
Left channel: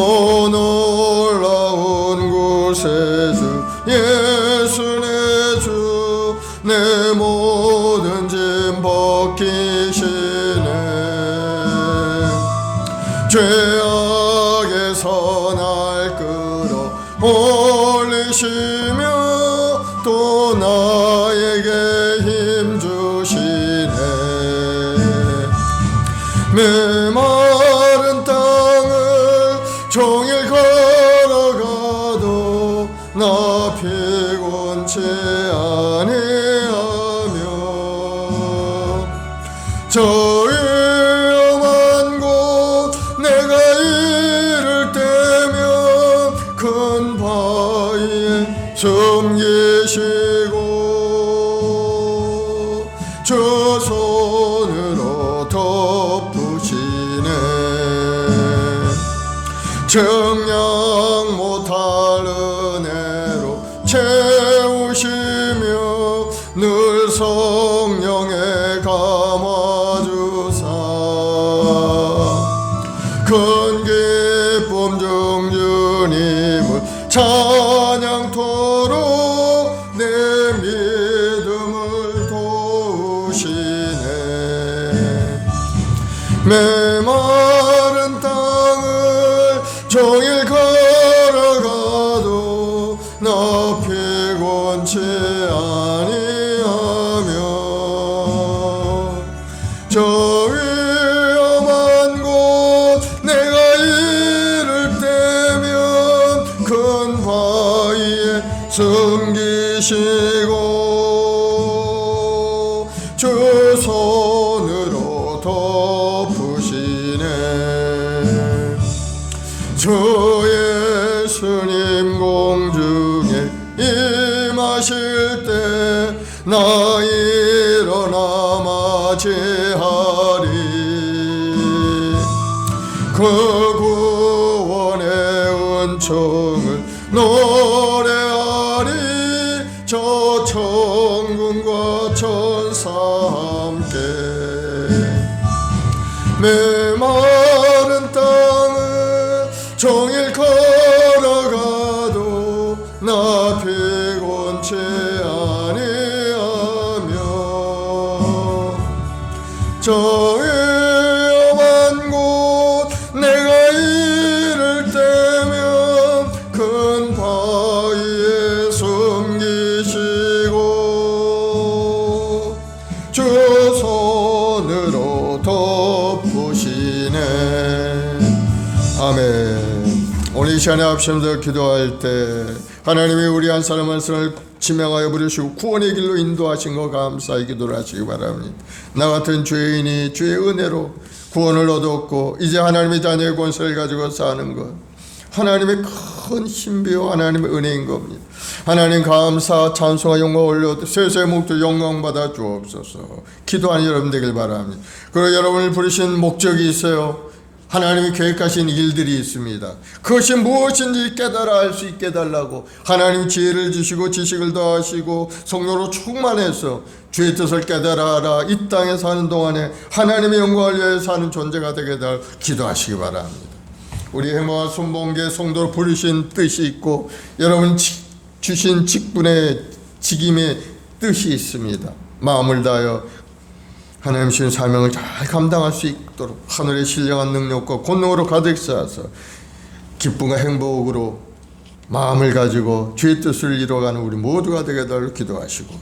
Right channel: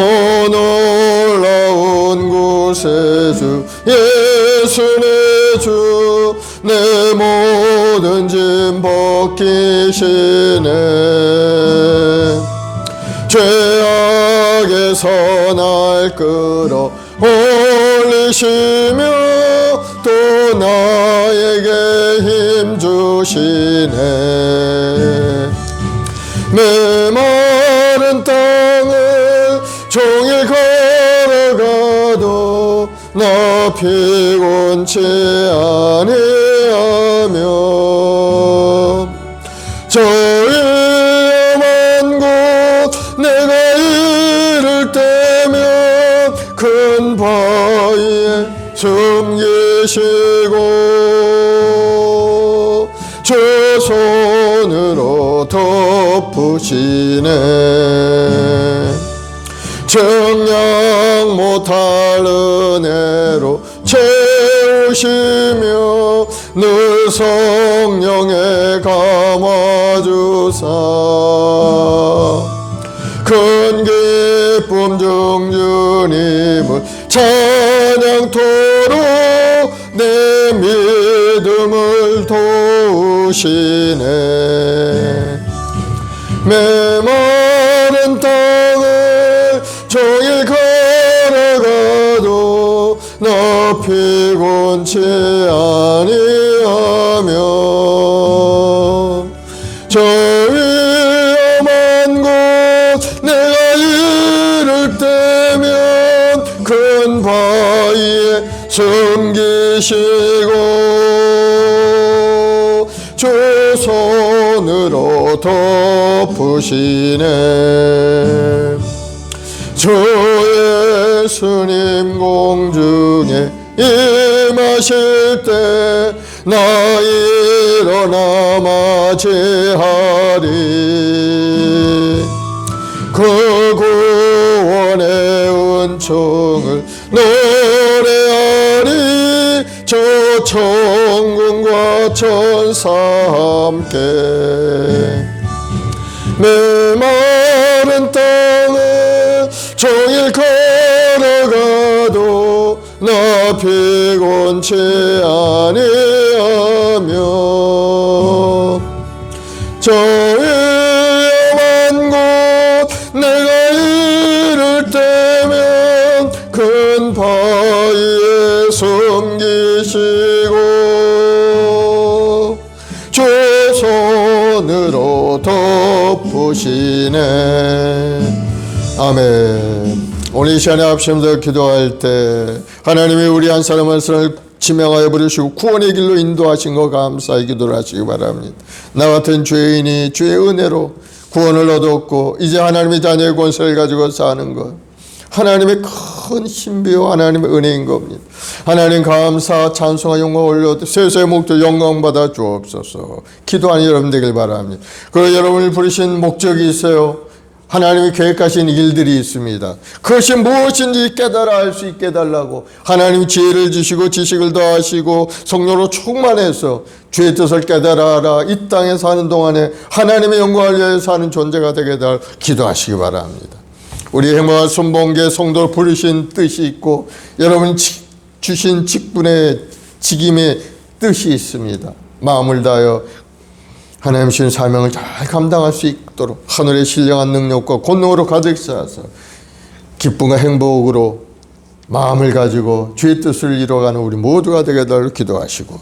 놀라운 구세주 예수 내 주, 내 모든 짐 벗기시네. 죄악에서 날 끌어 올리시며 또 나에게 힘 주시네. 메마른 땅을 종일 걸어가도 나 피곤치 아니하며 저 위험한 곳 내가 이를 때면 큰 바위에 숨기시고 저 손으로 덮으시네. 정량 못할 은혜로 채우시며 늘 성령에 감아주사 큰 기쁨 중 주님을 찬양토록 내 믿음을 도우시네. 메마른 땅을 종일 걸어가도 나 피곤치 아니하며 저 위험한 곳 내가 이를 때면 큰 바위에 숨기시고 주 손으로 덮으시네. 주 예수님 공중에 임하실 때 나 일어나 맞이하리. 그 구원의 은총을 노래하리. 저 천군과 천사 함께 메마른 땅을 종일 걸어가도 나 피곤치 아니하며 저 위험한 곳 내가 이를 때면 큰 바위에 숨기시고 주 손으로 덮으시네. 아멘. 오늘 이 시간에 합심해서 기도할 때 하나님이 우리 한 사람 한 사람을 지명하여 부르시고 구원의 길로 인도하신 거 감사히 기도를 하시기 바랍니다. 나 같은 죄인이 주의 은혜로 구원을 얻었고 이제 하나님의 자녀의 권세를 가지고 사는 것, 하나님의 큰 신비와 하나님의 은혜인 겁니다. 하나님 감사 찬송과 영광 올려 세세의 목적 영광 받아 주옵소서. 기도하는 여러분 되길 바랍니다. 그리고 여러분이 부르신 목적이 있어요. 하나님이 계획하신 일들이 있습니다. 그것이 무엇인지 깨달아 알 수 있게 해달라고 하나님 지혜를 주시고 지식을 더하시고 성령으로 충만해서 주의 뜻을 깨달아라. 이 땅에 사는 동안에 하나님의 영광을 위하여 사는 존재가 되게 해달 기도하시기 바랍니다. 우리 행마와 순봉계 성도를 부르신 뜻이 있고 여러분 주신 직분의 직임의 뜻이 있습니다. 마음을 다하여 하나님 주신 사명을 잘 감당할 수 있도록 하늘의 신령한 능력과 권능으로 가득 쌓아서 기쁨과 행복으로 마음을 가지고 주의 뜻을 이뤄가는 우리 모두가 되게 될 기도하시고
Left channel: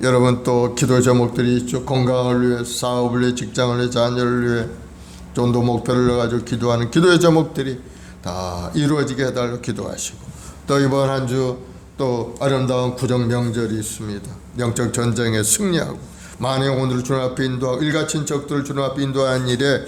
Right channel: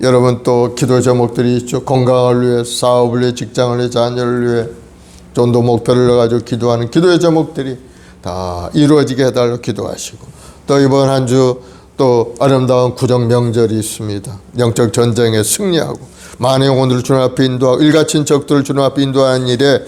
여러분 또 기도 제목들이 있죠. 건강을 위해, 사업을 위해, 직장을 위해, 자녀를 위해 전도 목표를 가지고 기도하는 기도의 제목들이 다 이루어지게 해달라고 기도하시고 또 이번 한 주 또 아름다운 구정 명절이 있습니다. 영적 전쟁에 승리하고 만의 영혼들을 주님 앞에 인도하고 일가친척들을 주님 앞에 인도하는 일에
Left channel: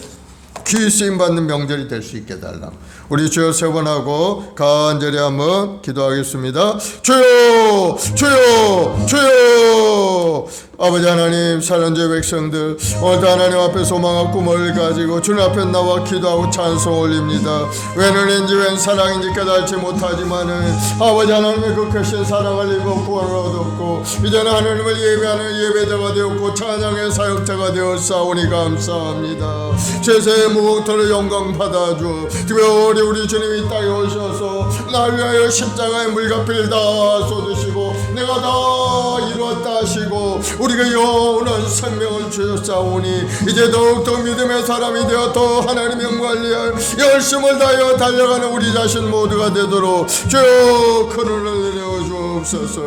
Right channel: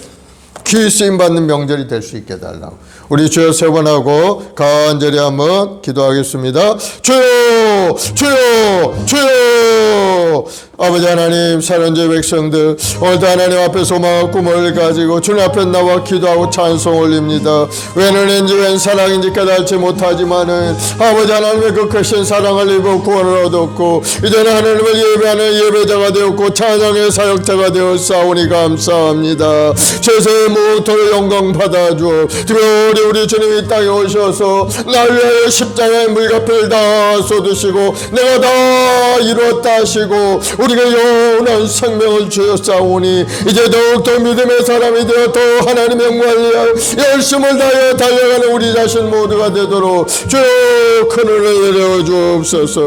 귀 쓰임받는 명절이 될 수 있게 해달라고 우리 주여 세 번 하고 간절히 한번 기도하겠습니다. 주여 주여 주여. 아버지 하나님, 사랑제 백성들 오늘도 하나님 앞에 소망과 꿈을 가지고 주님 앞에 나와 기도하고 찬송 올립니다. 웬 은혜인지 웬 사랑인지 깨달지 못하지만은 아버지 하나님의 그 크신 사랑을 입어 구원을 얻었고 이제는 하나님을 예배하는 예배자가 되었고 찬양의 사역자가 되었사오니 감사합니다. 죄의 이제부터 영광 받아 주옵. 특별히 우리 주님이 이 땅에 오셔서 나를 위하여 십자가의 물값을 다 쏟으시고 내가 다 이뤘다 하시고 우리가 영원한 생명을 주셨사오니 이제 더욱더 믿음의 사람이 되어 더 하나님의 영광을 위하여 열심을 다하여 달려가는 우리 자신 모두가 되도록 주여 큰 은혜를 내려 주옵소서.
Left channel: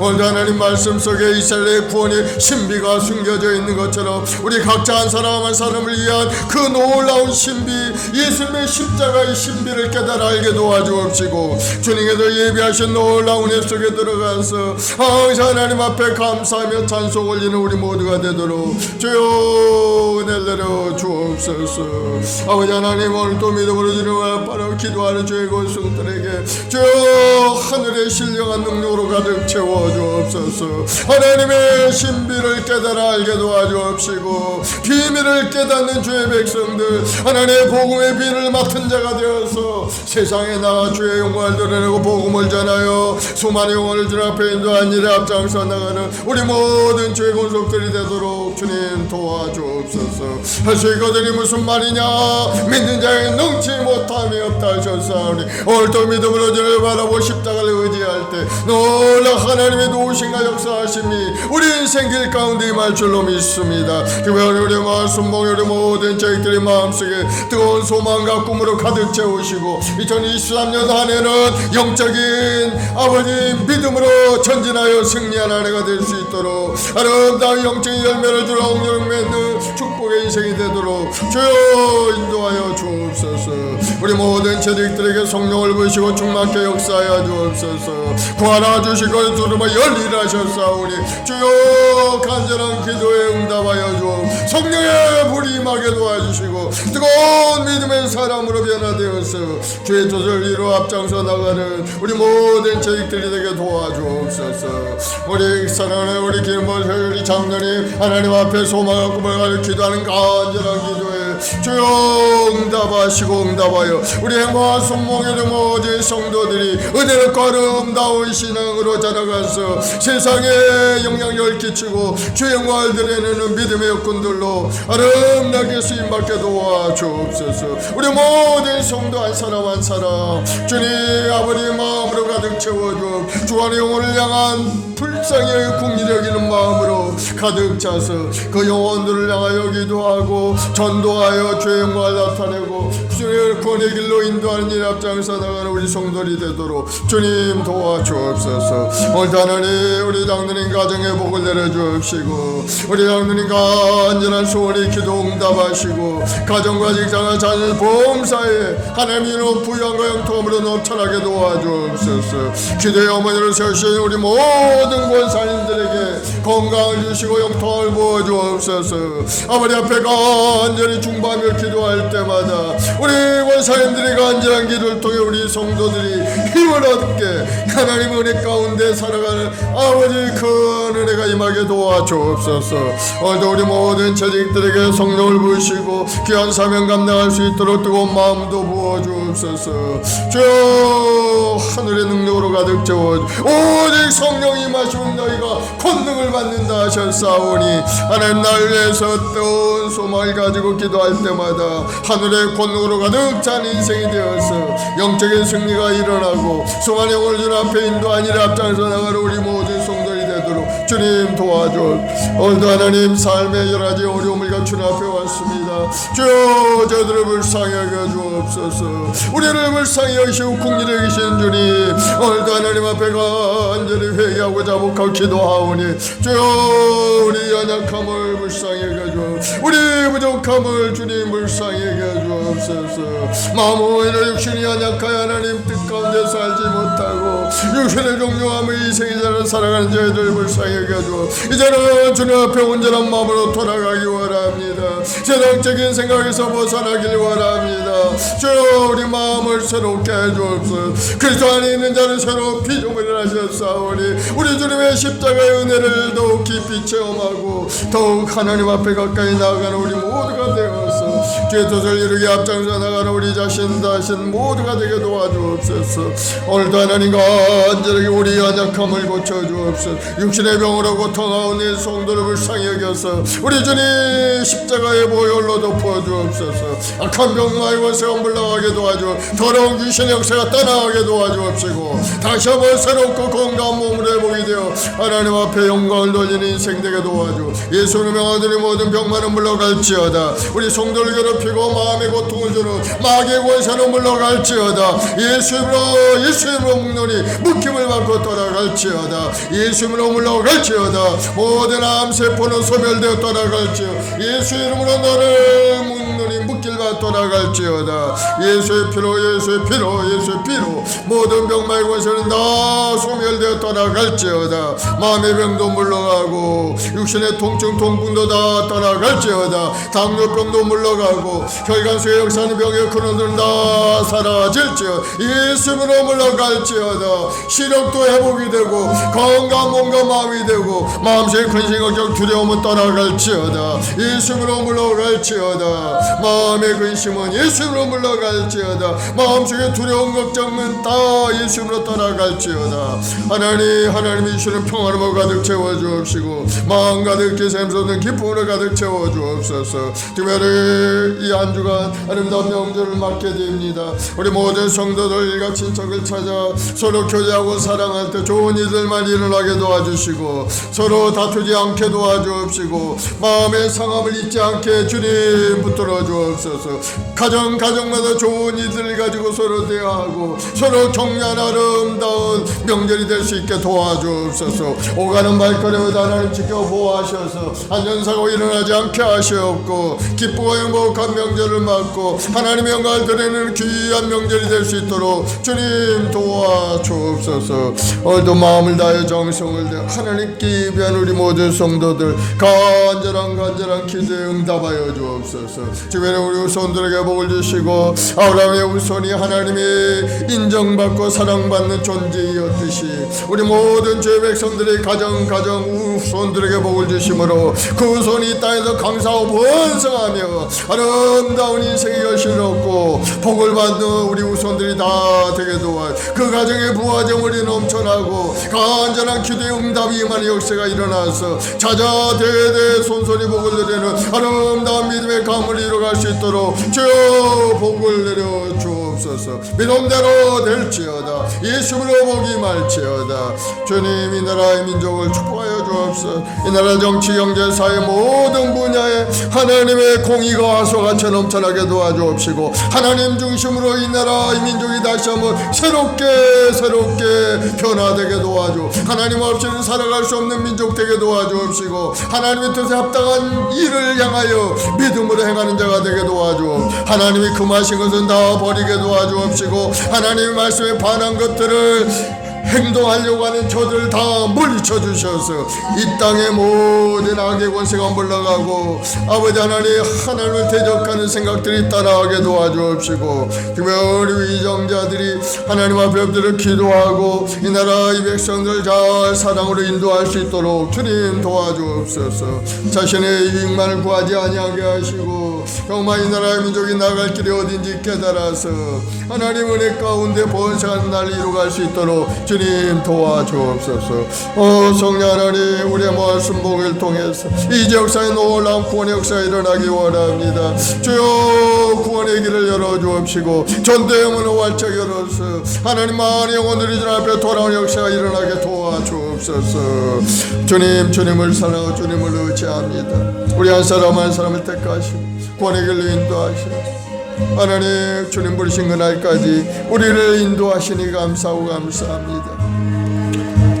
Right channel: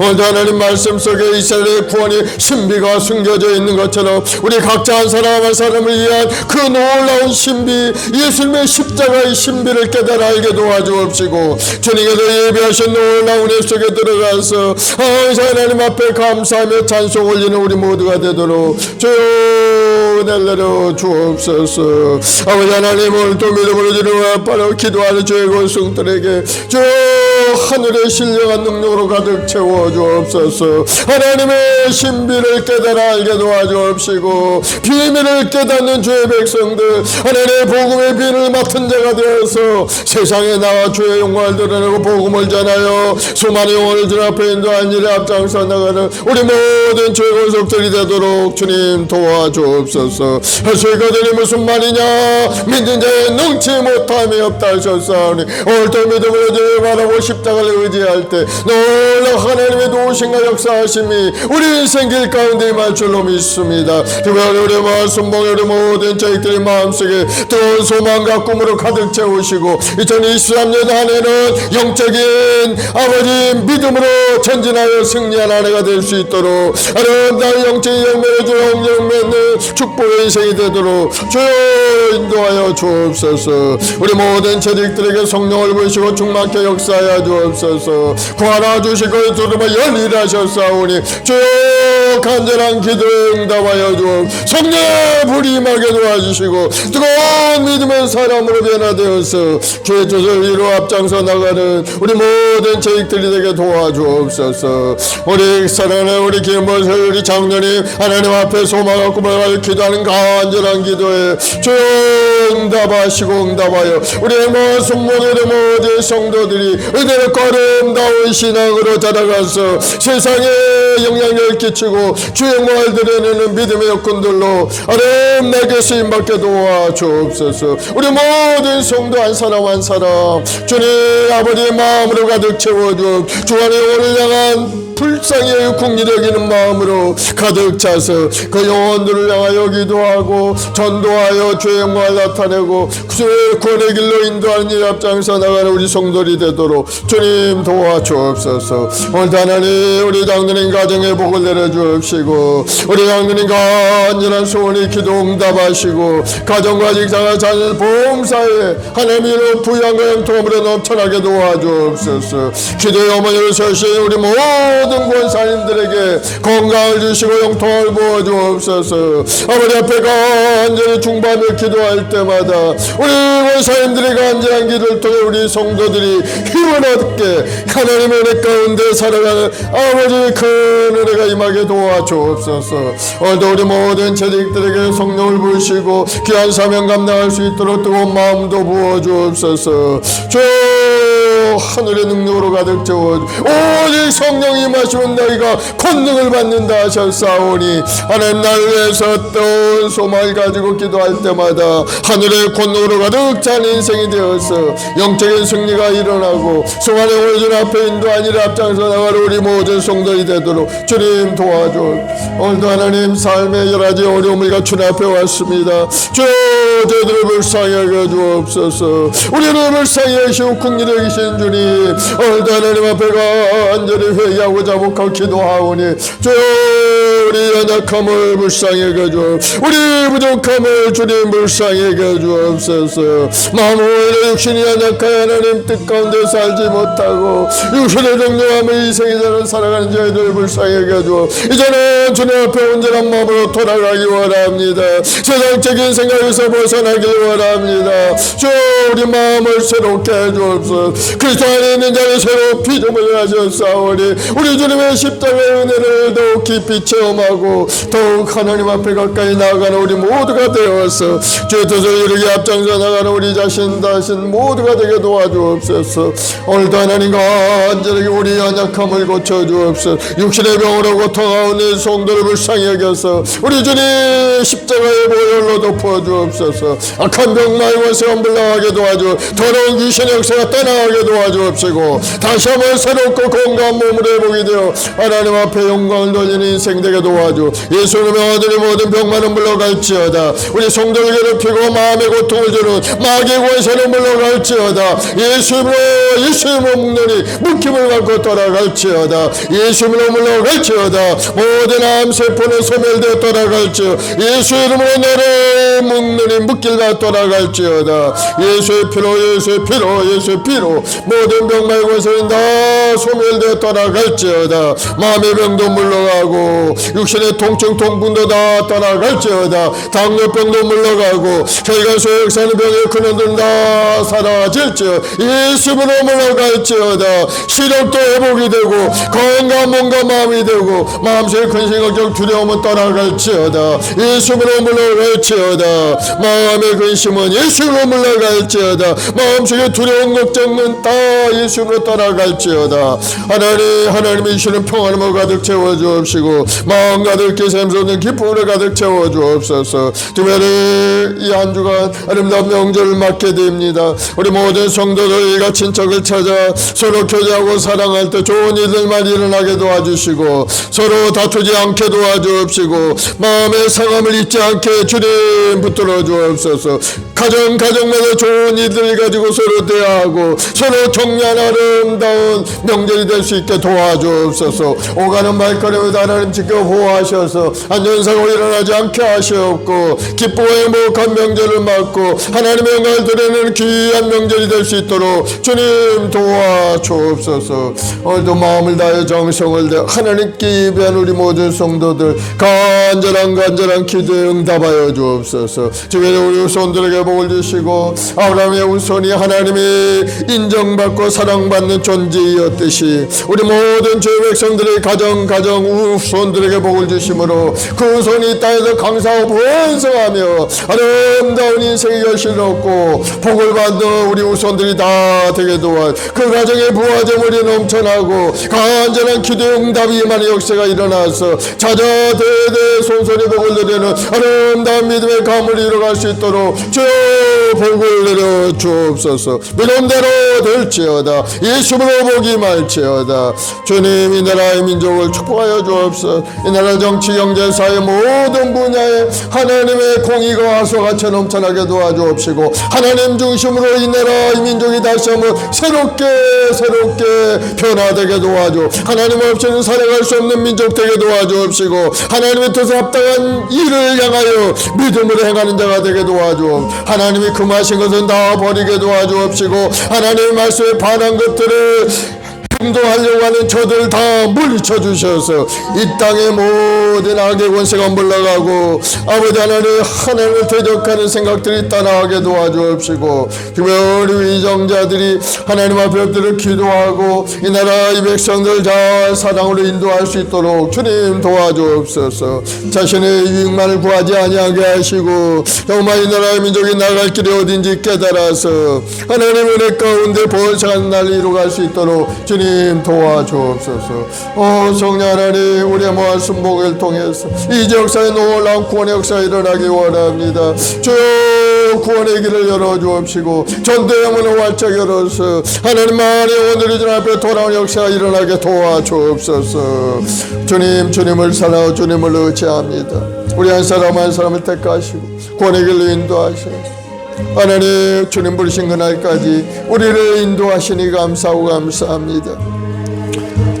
오늘도 하나님 말씀 속에 이스라엘의 구원이 신비가 숨겨져 있는 것처럼 우리 각자 한 사람 한 사람을 위한 그 놀라운 신비, 예수님의 십자가의 신비를 깨달아 알게 도와주옵시고 주님께서 예비하신 놀라운 은혜 속에 들어가서 하나님 앞에 감사하며 찬송 올리는 우리 모두가 되도록 주여 은혜를 내려 주옵소서. 아버지 하나님, 오늘도 믿음으로 주님을 앞바로 기도하는 저의 권속들에게 주여 하늘의 신령한 능력으로 가득 채워 주옵소서. 하나님의 신비를 깨달아 알게 도와주옵시고 비밀을 깨닫는 주의 백성들, 하나님의 복음의 비밀을 맡은 자가 되어서 세상에 나와 주의 영광을 드러내고 복음을 전하여 수많은 영혼을 주 앞에 인도한 일에 앞장서 나가는 우리 모든 주의 권속들이 되도록 주님 도와주옵소서. 할 수 있거든이 무슨 말이냐, 믿는 자의 능치 못함이 없다 하셨사오니 오늘도 믿음으로 주를 바라보 십자가를 의지할 때 놀라 하나님의 도우심과 역사하심이 우리 인생 길 가운데 임할 줄로 믿습니다. 특별히 우리 말씀 우리 모든 저희들의 마음속에 뜨거운 소망과 꿈으로 가득 채우시고 2023년 한 해는 영적인 아버지 믿음으로 전진하여 승리한 한 해가 될 수 있도록 아름다운 영적인 열매를 주어 영영 맺는 축복의 인생이 되도록 주여 인도하여 주옵소서. 우리 모든 재직들에게 성령을 부으시고 충만케 역사하여 주옵소서. 구하라 주시고 두드려 열리라 하셨사오니 주여 간절한 기도에 응답하여 주옵. 성령의 불이 임하게 도와주시고 뜨거운 믿음의 사람으로 변화되어서 주의 뜻을 이루어 앞장서 나가는 우리 모든 재직들이 되게 도와주옵소서. 우리 사랑하는 우리 김보슬 우리 장로님 하나님 앞에 소망과 꿈을 기도하는 간절한 기도에 주여 응답하시고 응답하여 우리 행복한 성모의 모든 성도들이 은혜로 아름다운 신앙으로 자라가서 세상에 영향력을 끼치고 주의 영광을 드러내는 믿음의 여건들로 아름답게 쓰임받게 도와주옵소서. 우리 모든 성도 한 사람 한 사람 주님 아버지의 마음으로 가득 채워주 주님의 영혼을 향한 불쌍히 국리 여기는 마음으로 가득 차서 그 영혼들을 향하여 기도하고 전도하여 주의 영광을 나타내고 주의 구원의 길로 인도하는 일 앞장서 나가는 우리 성도들이 되도록 주님 도와주옵소서. 오늘 하나님 우리 장로님 가정에 복을 내려주옵시고 우리 장로님 간절한 소원이 기도 응답하시고 가정과 직장과 자녀 보험사에 하나님으로 부양과 영통함으로 넘쳐나게 도와주옵소서. 기도의 어머니로 서신 우리 모든 권사님들에게 건강을 주시고 영통을 부어주옵소서. 아버지 앞에 간절히 중밤에 기도할 때마다 우리 권사님들이 간절한 기도를 통해 우리 성도들이 힘을 얻게 하나님의 은혜 가운데 살아가는 아버지 큰 은혜가 임하게 도와주옵소서. 오늘도 우리 모든 재직들에게 성령을 부으시고 귀한 사명 감당할 수 있도록 뜨거운 마음도 부어주옵소서. 주 하늘의 능력으로 가득 채워 오직 성령이 임하시면 너희가 권능을 받는다 하셨사오니 하나님 나를 위해서 어떤 소망을 가지고 기도할 때마다 하늘의 권능으로 가득 찬 인생이 되어서 영적인 승리가 일어나고 성안의 오준 앞에 인도한 일 앞장서 나가는 우리 모든 성도들이 되도록 주님 도와줘. 오늘도 하나님 삶의 여러 가지 어려움을 주님 앞에 왔습니다. 주여 저희들을 불쌍히 여겨 주옵소서. 우리를 불쌍히 여기시고 국리를 여기시는 주님 오늘도 하나님 앞에 간절히 회개하고 자복하고 기도하오니 주여 우리 연약함을 불쌍히 여겨주옵 우리 부족함을 주님 불쌍히 여겨주옵소서. 마음으로 육신이 연약하여 하나님 뜻 가운데 살지 못하고 육신의 정령함을 이생이대로 살아가는 저희들 불쌍히 여겨주옵. 이제는 주님 앞에 온전한 마음으로 돌아가기 원합니다. 세상적인 생각에서 벗어나길 원합니다. 주 우리 마음을 새롭게 해주옵소서. 그리스도 안에 있는 자를 새로 피조물을 하셨사오니 우리 주님의 십자가의 은혜를 더욱 깊이 체험 체험하고 더욱 하나님 앞에 가까이 나아가는 우리 모두가 되어서 주의 뜻을 이루게 앞장서 나가는 우리 자신 모두가 되게 도와주옵소서. 오늘도 하나님 간절하게 우리 연약함을 고쳐주옵소서. 육신의 병으로 고통하는 내 성도를 불쌍히 여겨서 우리 주님 십자가의 보혈로 덮어주옵소서. 악한 병마의 원수가 물러가게 도와주 더러운 귀신의 역사가 떠나가게 도와주옵시고 다시 한번 새롭고 건강한 몸을 회복이 되어 하나님 앞에 영광을 돌리는 인생 되게 도와주 예수님의 아들의 모든 병만은 물러갈지어다. 우리 성도를 괴롭히고 마음의 고통을 주는 마귀의 권세는 물러갈지어다. 예수님으로 묵노니 묶임을 갖고 떠나갈지어다. 예수님으로 물러갈지어다. 모든 암세포는 소멸되어 떠나갈지어다. 예수 이름으로 너를 묵노니 묶일과 떠나갈지어다. 예수의 피로 모든 병마의 권세는 다 소멸되어 떠나갈지어다. 마음의 병도 물러가고 육신의 통증 통분도 다 떠나갈지어다. 당뇨병도 물러가고 저희가 소역사는 병의 근원들 다 사라질지어다. 예수로 물러갈지어다. 시력도 회복이 되고 건강한 몸과 마음이 되고 마음속의 근심 걱정 두려움은 떠나갈지어다. 예수로 물러갈지어다. 마음의 근심은 예수로 물러갈지어다. 마음속의 두려움 걱정은 다 예수로 떠나갈지어다. 하나님이 주시는 평안으로 가득 채워주옵시고 마음 가득히 샘솟는 기쁨으로 가득 채워주옵소서. 주변에 이 한 주간 아름다운 명절을 맞게 됩니다. 우리 모든 성도들과 친척을 찾아 서로 교제하고 사랑할 때 좋은 일들만 일어나게 도와주시고 서로 다투지 않게 도와주옵시고 마음의 상함을 잊지 않게 주님 붙들어 주옵소서. 가정마다 좋은 일들을 가지고 서로 대화하고 서로 격려하는 아름다운 명절이 될 수 있게 도와주옵소서. 오가는 발걸음을 하나님 지켜 보호하셔서 안전사고 일어나지 않게 하시옵고 기쁘고 행복한 명절을 맞고 하나님의 영광을 드리는 귀한 명절이 될 수 있도록 주님 도와주옵소서. 오늘도 마음을 다해 정성을 다해 하나님께 예배한 우리 모든 성도들 간절한 기도에 응답하여 주옵소서. 주님의 우리 후손들에게 복을 주시고 아브라함의 후손이 하나님의 인정받고 사랑받는 존재이었듯이 우리 모든 주의 백성들의 가정 후손들에게 복을 주심으로 그 후손이 이 땅에서 강사하고 번성하며 아름다운 인생의 결실을 얻고 복을 받는 우리 후손들이 다 되게 도와 그 가정에 부와 재물이 넘쳐나고 간절한 기도의 응답이 임하는 역사가 일어나서 자자 대대 손손이 복을 누리는 아름다운 믿음의 감을 이루어갈 수 있도록 주여 복을 내려 주옵소서. 믿음대로 될지어다. 예수로 복이 말지어다. 주님 이 나라의 민족을 축복하여 주옵소서. 이 나라 정치 경제 사회 모든 분야에 하나님의 공의가 화소같이 넘쳐나게 도와주옵시고 하나님 중심으로 이 나라 이 민족이 다시 한번 새롭게 변화되게 도와주 하나님 없이는 살아갈 수 없는 민족 되게 도와주옵시고 하나님의 뜻에 합당한 일을 향하여 믿음으로 행하는 자가 되게 도와주 하나님이 금하신 것은 다 버리게 도와주옵시고 하나님의 말씀에 반한 것들을 행동하려고 하는 저들을 다 물리쳐 주셔서 이 땅의 모든 악의 권세가 물러가고 아버지 하나님을 대적하는 생각들이 떠나게 도와주옵시고 주변 우리 위정자들이 하나님 앞에 엎드려 기도하고 이 나라 이 백성들 잘 사랑으로 인도할 수 있도록 주님 도와주옵소서. 자신의 유익만을 구하지 아니하게 하시고 정말 이 나라의 민족이 나갈 길이 어딘지 깨달아서 하나님 은혜 가운데 번성한 날 이루어갈 수 있도록 주님 도와주옵소서. 성령 하나님 우리의 말씀 복을 통해서 이 역사에 놀라운 구원의 역사가 일어나기 원합니다. 주여 구원의 길을 열어주옵시고 전도의 문을 활짝 열어서 하나님만의 오늘의 주 앞에 돌아온 역사가 일어나게 도와주옵소서. 주님을 사랑하고 주님을 의지합니다. 우리 한 사람 한 사람을 택하시고 구원의 길로 인도하셔서 하나님 주님 부르신 그날까지 우리를 인도하시니 감사합니다.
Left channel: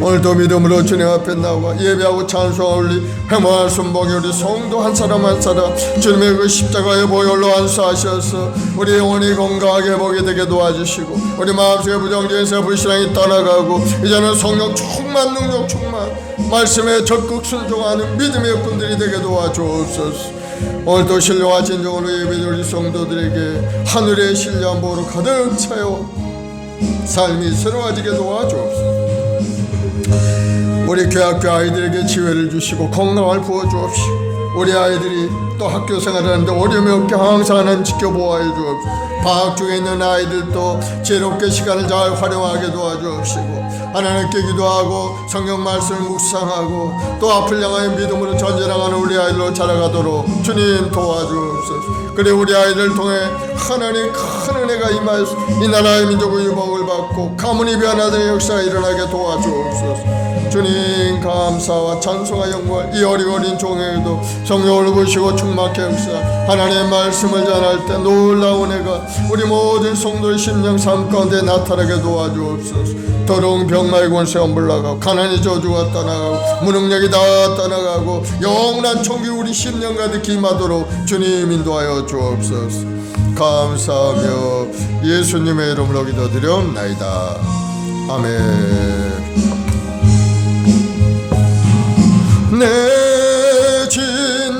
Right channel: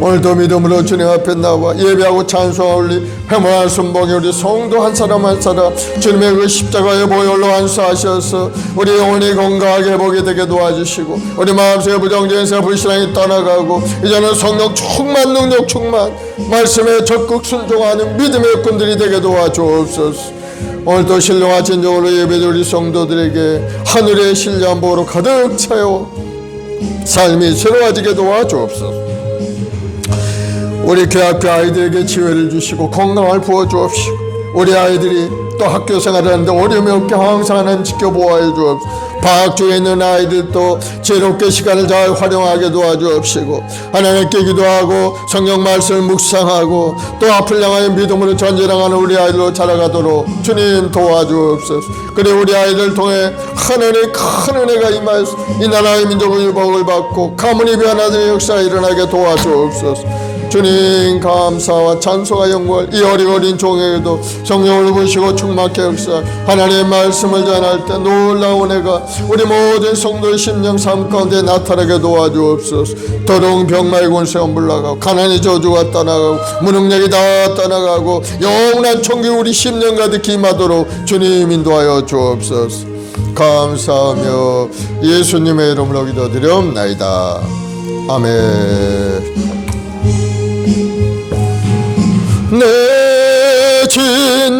오늘도 믿음으로 주님 앞에 나와 예배하고 찬송하고 우리 회모한 순봉이 우리 성도 한 사람 한 사람 주님의 그 십자가의 보혈로 안수하셔서 우리 영혼이 건강하게 회복이 되게 도와주시고 우리 마음속에 부정적인 새 불신앙이 떠나가고 이제는 성령 충만 능력 충만 말씀에 적극 순종하는 믿음의꾼들이 되게 도와주옵소서. 오늘도 신령한 진정으로 예배드 우리 성도들에게 하늘의 신령한 복으로 가득 차요 삶이 새로워지게 도와주옵소서. 우리 교학교 아이들에게 지혜를 주시고 건강을 부어주옵시고 우리 아이들이 또 학교 생활을 하는데 어려움이 없게 항상 하나님 지켜보아 주옵시고 방학 중에 있는 아이들도 지혜롭게 시간을 잘 활용하게 도와주옵시고 하나님께 기도하고 성경 말씀을 묵상하고 또 앞을 향하여 믿음으로 전진하는 우리 아이들로 자라가도록 주님 도와주옵소서. 그래 우리 아이들 통해 하늘의 큰 은혜가 임하여서 이 나라의 민족의 복을 받고 가문이 변화되는 역사가 일어나게 도와주옵소서. 주님 감사와 찬송과 영광을 이 어린 종에게도 성령을 부으시고 충만케 역사 하나님의 말씀을 전할 때 놀라운 은혜가 우리 모든 성도의 심령 삶 가운데 나타나게 도와주옵소서. 더러운 병마의 권세가 물러가고 가난의 저주가 떠나가고 무능력이 다 떠나가고 영원한 총기 우리 심령 가득히 임하도록 주님 인도하여 주옵소서. 감사하며 예수님의 이름으로 기도드리옵나이다. 아멘. 내 진정손이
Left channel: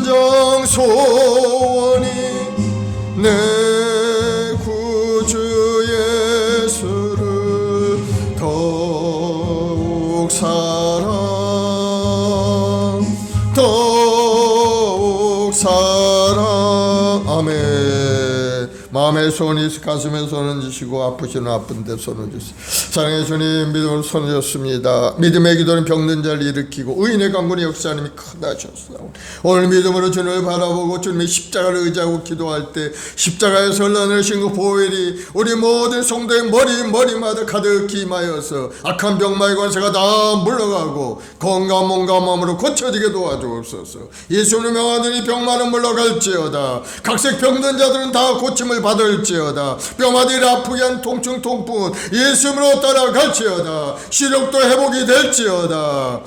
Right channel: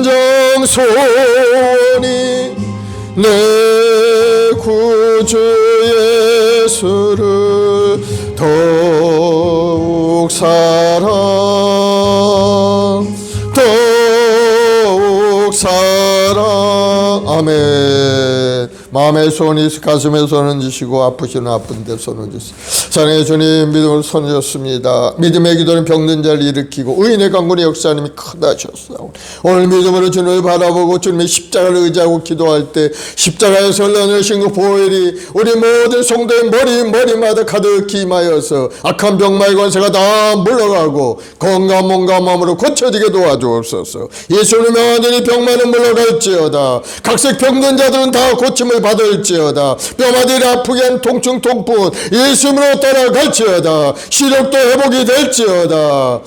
내 구주 예수를 더욱 사랑 아멘. 마음에 손이 가슴에 손을 지시고 아프시는 아픈데 손을 지시고 사랑의 주님 믿음으로 손을 줬습니다. 믿음의 기도는 병든 자를 일으키고 의인의 강군의 역사님이 크다 하셨사오니 오늘 믿음으로 주님을 바라보고 주님의 십자가를 의지하고 기도할 때 십자가에서 흘러내신 그 보혈이 우리 모든 성도의 머리마다 가득히 임하여서 악한 병마의 권세가 다 물러가고 건강한 몸과 마음으로 고쳐지게 도와주옵소서. 예수님의 완전히 병만은 물러갈지어다. 각색 병든 자들은 다 고침을 받을지어다. 뼈마디를 아프게 한 통증 통풍 예수님으로 떠나갈지어다. 시력도 회복이 될지어다.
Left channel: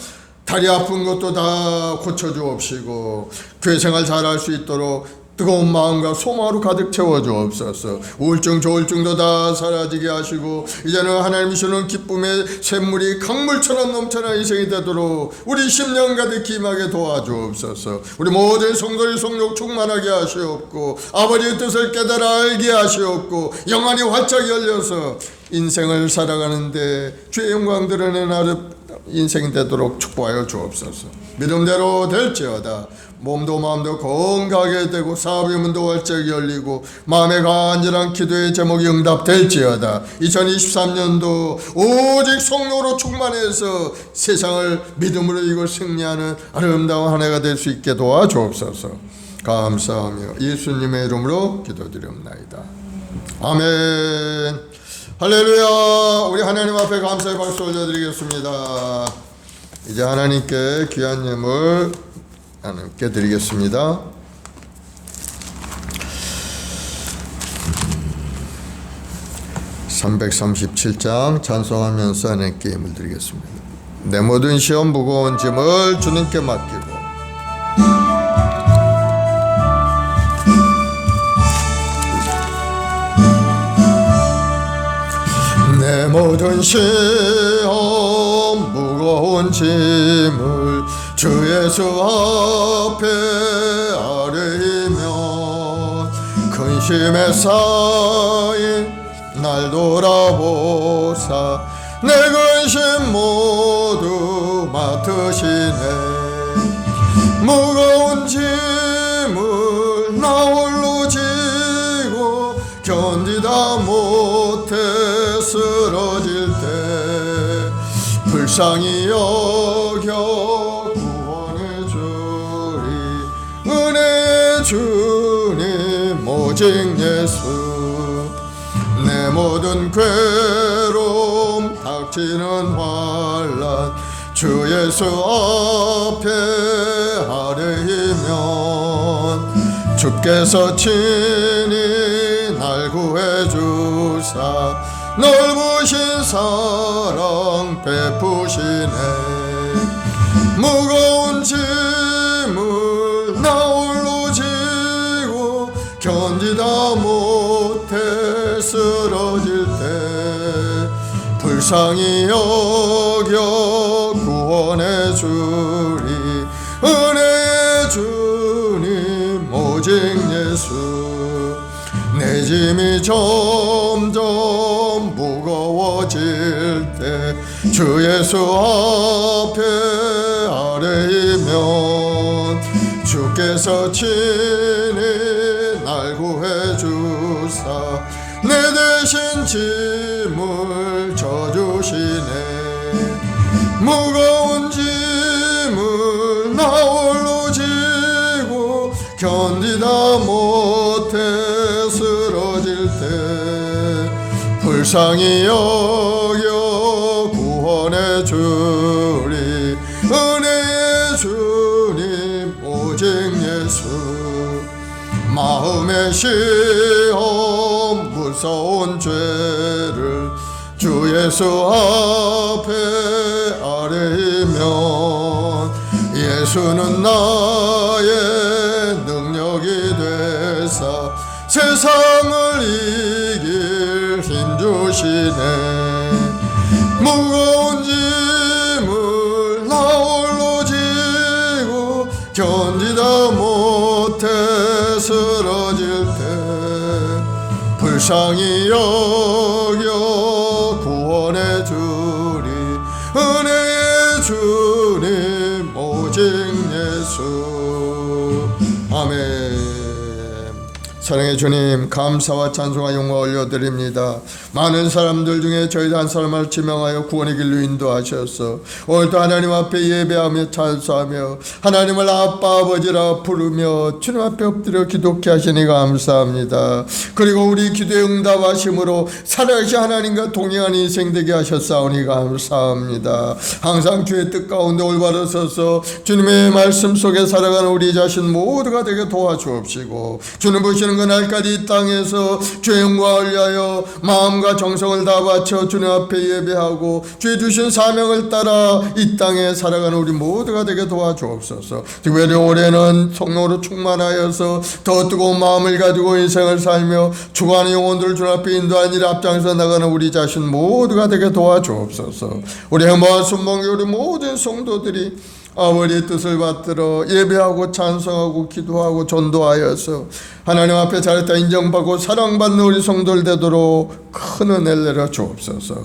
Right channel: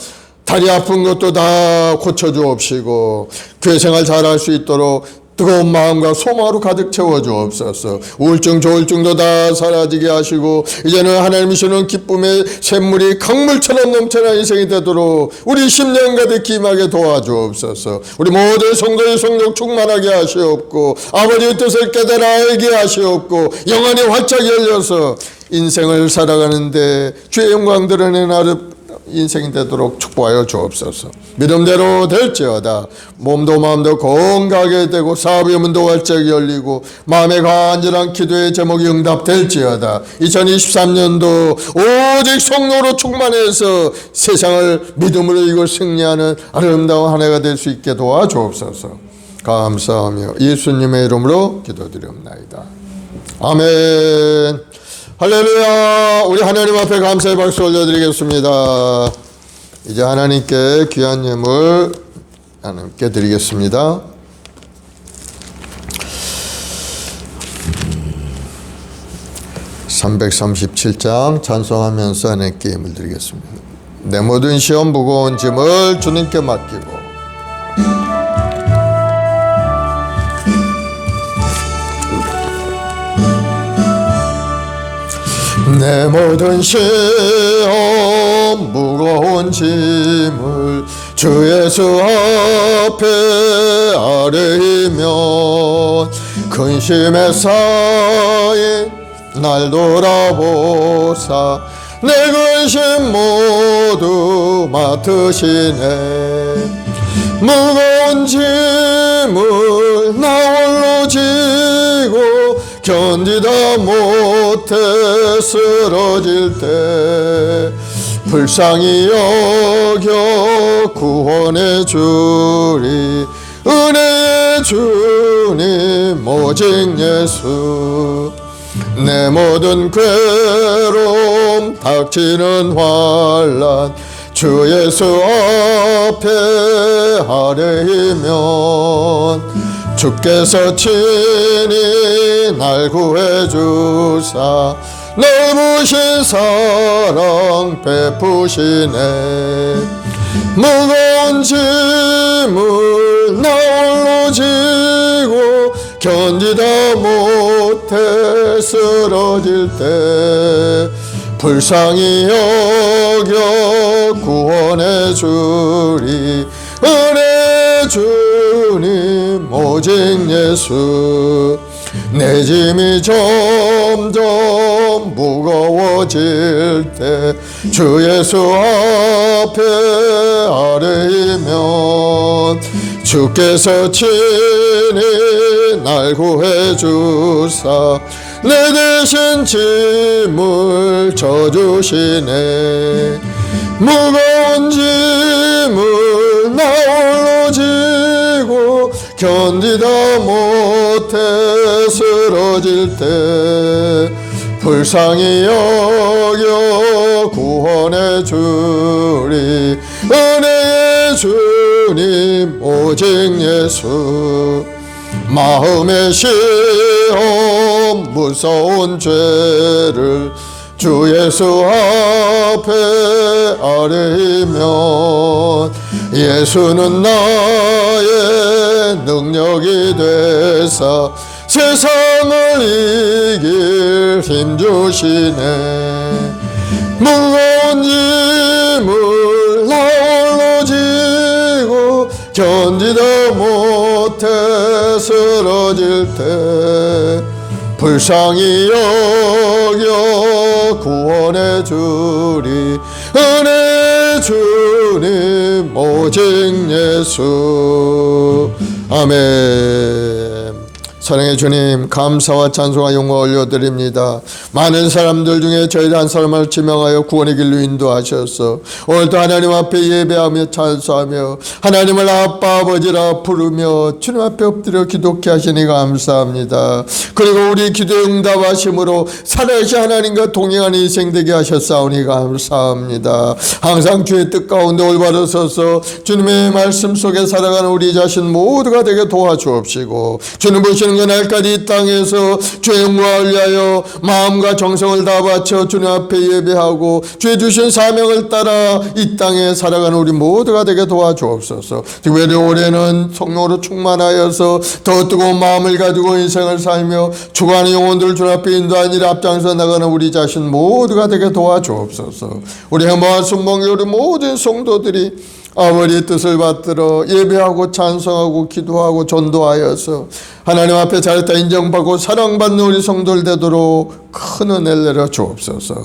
다리 아픈 것도 다 고쳐주옵시고 교회 생활 잘할 수 있도록 뜨거운 마음과 소망으로 가득 채워주옵소서. 우울증 조울증도 다 사라지게 하시고 이제는 하나님이 주는 기쁨의 샘물이 강물처럼 넘쳐나는 인생이 되도록 우리 심령 가득히 임하게 도와주옵소서. 우리 모든 성도의 성령 충만하게 하시옵고 아버지의 뜻을 깨달아 알게 하시옵고 영안이 활짝 열려서 인생을 살아가는데 주의 영광 드러내는 인생이 되도록 축복하여 주옵소서. 믿음대로 될지어다. 몸도 마음도 건강하게 되고 사업의 문도 활짝 열리고 마음의 간절한 기도의 제목이 응답될지어다. 2023년도 오직 성령으로 충만해서 세상을 믿음으로 이걸 승리하는 아름다운 한 해가 될 수 있게 도와주옵소서. 감사하며 예수님의 이름으로 기도드리옵나이다. 아멘. 할렐루야. 우리 하나님 앞에 감사의 박수 올려드리겠습니다. 이제 하나님께 귀한 예물 하나님께 드리겠습니다. (337장) 찬송하면서 하나님께 예물 드리겠습니다. 내 모든 시험 무거운 짐을 주님께 맡기고 내 모든 시험 무거운 짐을 주 예수 앞에 아뢰면 근심에 쌓인 날 돌아보사 내 근심 모두 맡으시네. 무거운 짐을 나 홀로 지고 견디다 못해 쓰러질 때 불쌍히 여겨 구원해 주리. 은혜의 주님 오직 예수. 내 모든 괴로움 닥치는 환난 주 예수 앞에 아뢰면 주께서 친히 날 구해주사 넓으신 사랑 베푸시네. 무거운 짐을 나 홀로 지고 견디다 못해 쓰러질 때 불쌍히 여겨 구원해 주리. 은혜 주님 오직 예수. 내 짐이 점점 무거워질 때 주 예수 앞에 아뢰면 주께서 친히 날 구해 주사 내 대신 짐을 져주시네. 무거운 짐을 나홀로 지고 견디다 못해 쓰러질 때 불쌍히 여겨 구원해 주리. 은혜의 주님 오직 예수. 마음의 시험 무서운 죄를 주 예수 앞에 아뢰면 예수는 나의 능력이 되사 세상을 이길 힘 주시네. 무거운 짐을 나홀로 지고 견디다 못해 쓰러질 때 불쌍히 여겨 구원해 주리. 은혜의 주님 오직 예수. 아멘. 사랑의 주님, 감사와 찬송과 영광 올려드립니다. 많은 사람들 중에 저희 한 사람을 지명하여 구원의 길로 인도하셔서 오늘도 하나님 앞에 예배하며 찬송하며 하나님을 아빠 아버지라 부르며 주님 앞에 엎드려 기도케 하시니 감사합니다. 그리고 우리 기도에 응답하심으로 살아계신 하나님과 동행하는 인생 되게 하셨사오니 감사합니다. 항상 주의 뜻 가운데 올바로 서서 주님의 말씀 속에 살아가는 우리 자신 모두가 되게 도와주옵시고 주님 보시는 그날까지 이 땅에서 주의 영광을 위하여 마음과 정성을 다 바쳐 주님 앞에 예배하고 주의 주신 사명을 따라 이 땅에 살아가는 우리 모두가 되게 도와주옵소서. 특별히 올해는 성령으로 충만하여서 더 뜨거운 마음을 가지고 인생을 살며 주관의 영혼들 주님 앞에 인도하는 일 앞장서 나가는 우리 자신 모두가 되게 도와주옵소서. 우리 행복한 순봉 우리 모든 성도들이 아버지의 뜻을 받들어 예배하고 찬송하고 기도하고 전도하여서 하나님 앞에 잘했다 인정받고 사랑받는 우리 성도들 되도록 큰 은혜를 내려 주옵소서.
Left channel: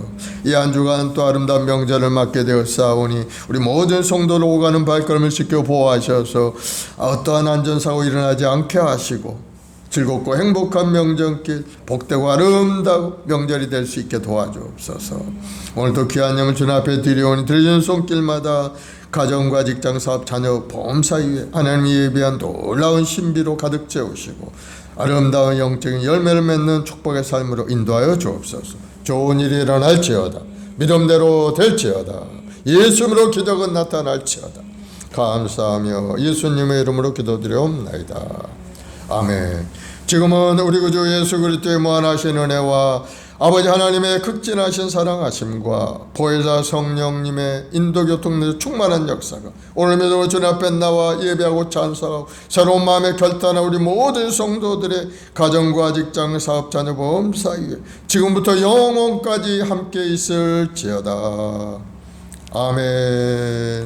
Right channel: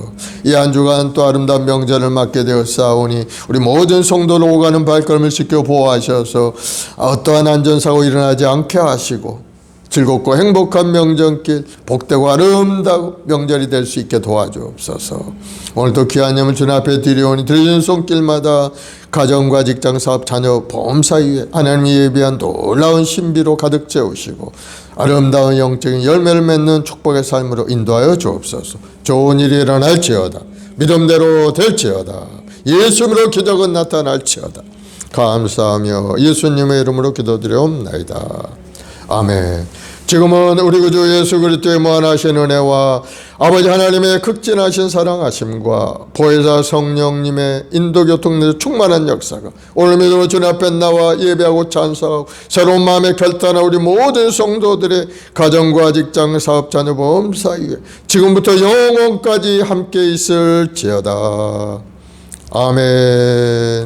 이 한 주간 또 아름다운 명절을 맞게 되었사오니 우리 모든 성도를 오가는 발걸음을 지켜 보호하셔서 어떠한 안전사고 일어나지 않게 하시고 즐겁고 행복한 명절길 복되고 아름다운 명절이 될 수 있게 도와주옵소서. 오늘도 귀한 예물 주님 앞에 드리오니 드리는 손길마다 가정과 직장, 사업, 자녀, 보험 사이에 하나님이 예비한 놀라운 신비로 가득 채우시고 아름다운 영적인 열매를 맺는 축복의 삶으로 인도하여 주옵소서. 좋은 일이 일어날지어다. 믿음대로 될지어다. 예수님으로 기적은 나타날지어다. 감사하며 예수님의 이름으로 기도드려옵나이다. 아멘. 지금은 우리 구주 예수 그리스도의 무한하신 은혜와 아버지 하나님의 극진하신 사랑하심과 보혜사 성령님의 인도교통에서 충만한 역사가 오늘 믿음으로 주님 앞에 나와 예배하고 찬송하고 새로운 마음의 결단한 우리 모든 성도들의 가정과 직장, 사업, 자녀, 보험 사이에 지금부터 영원까지 함께 있을지어다. 아멘.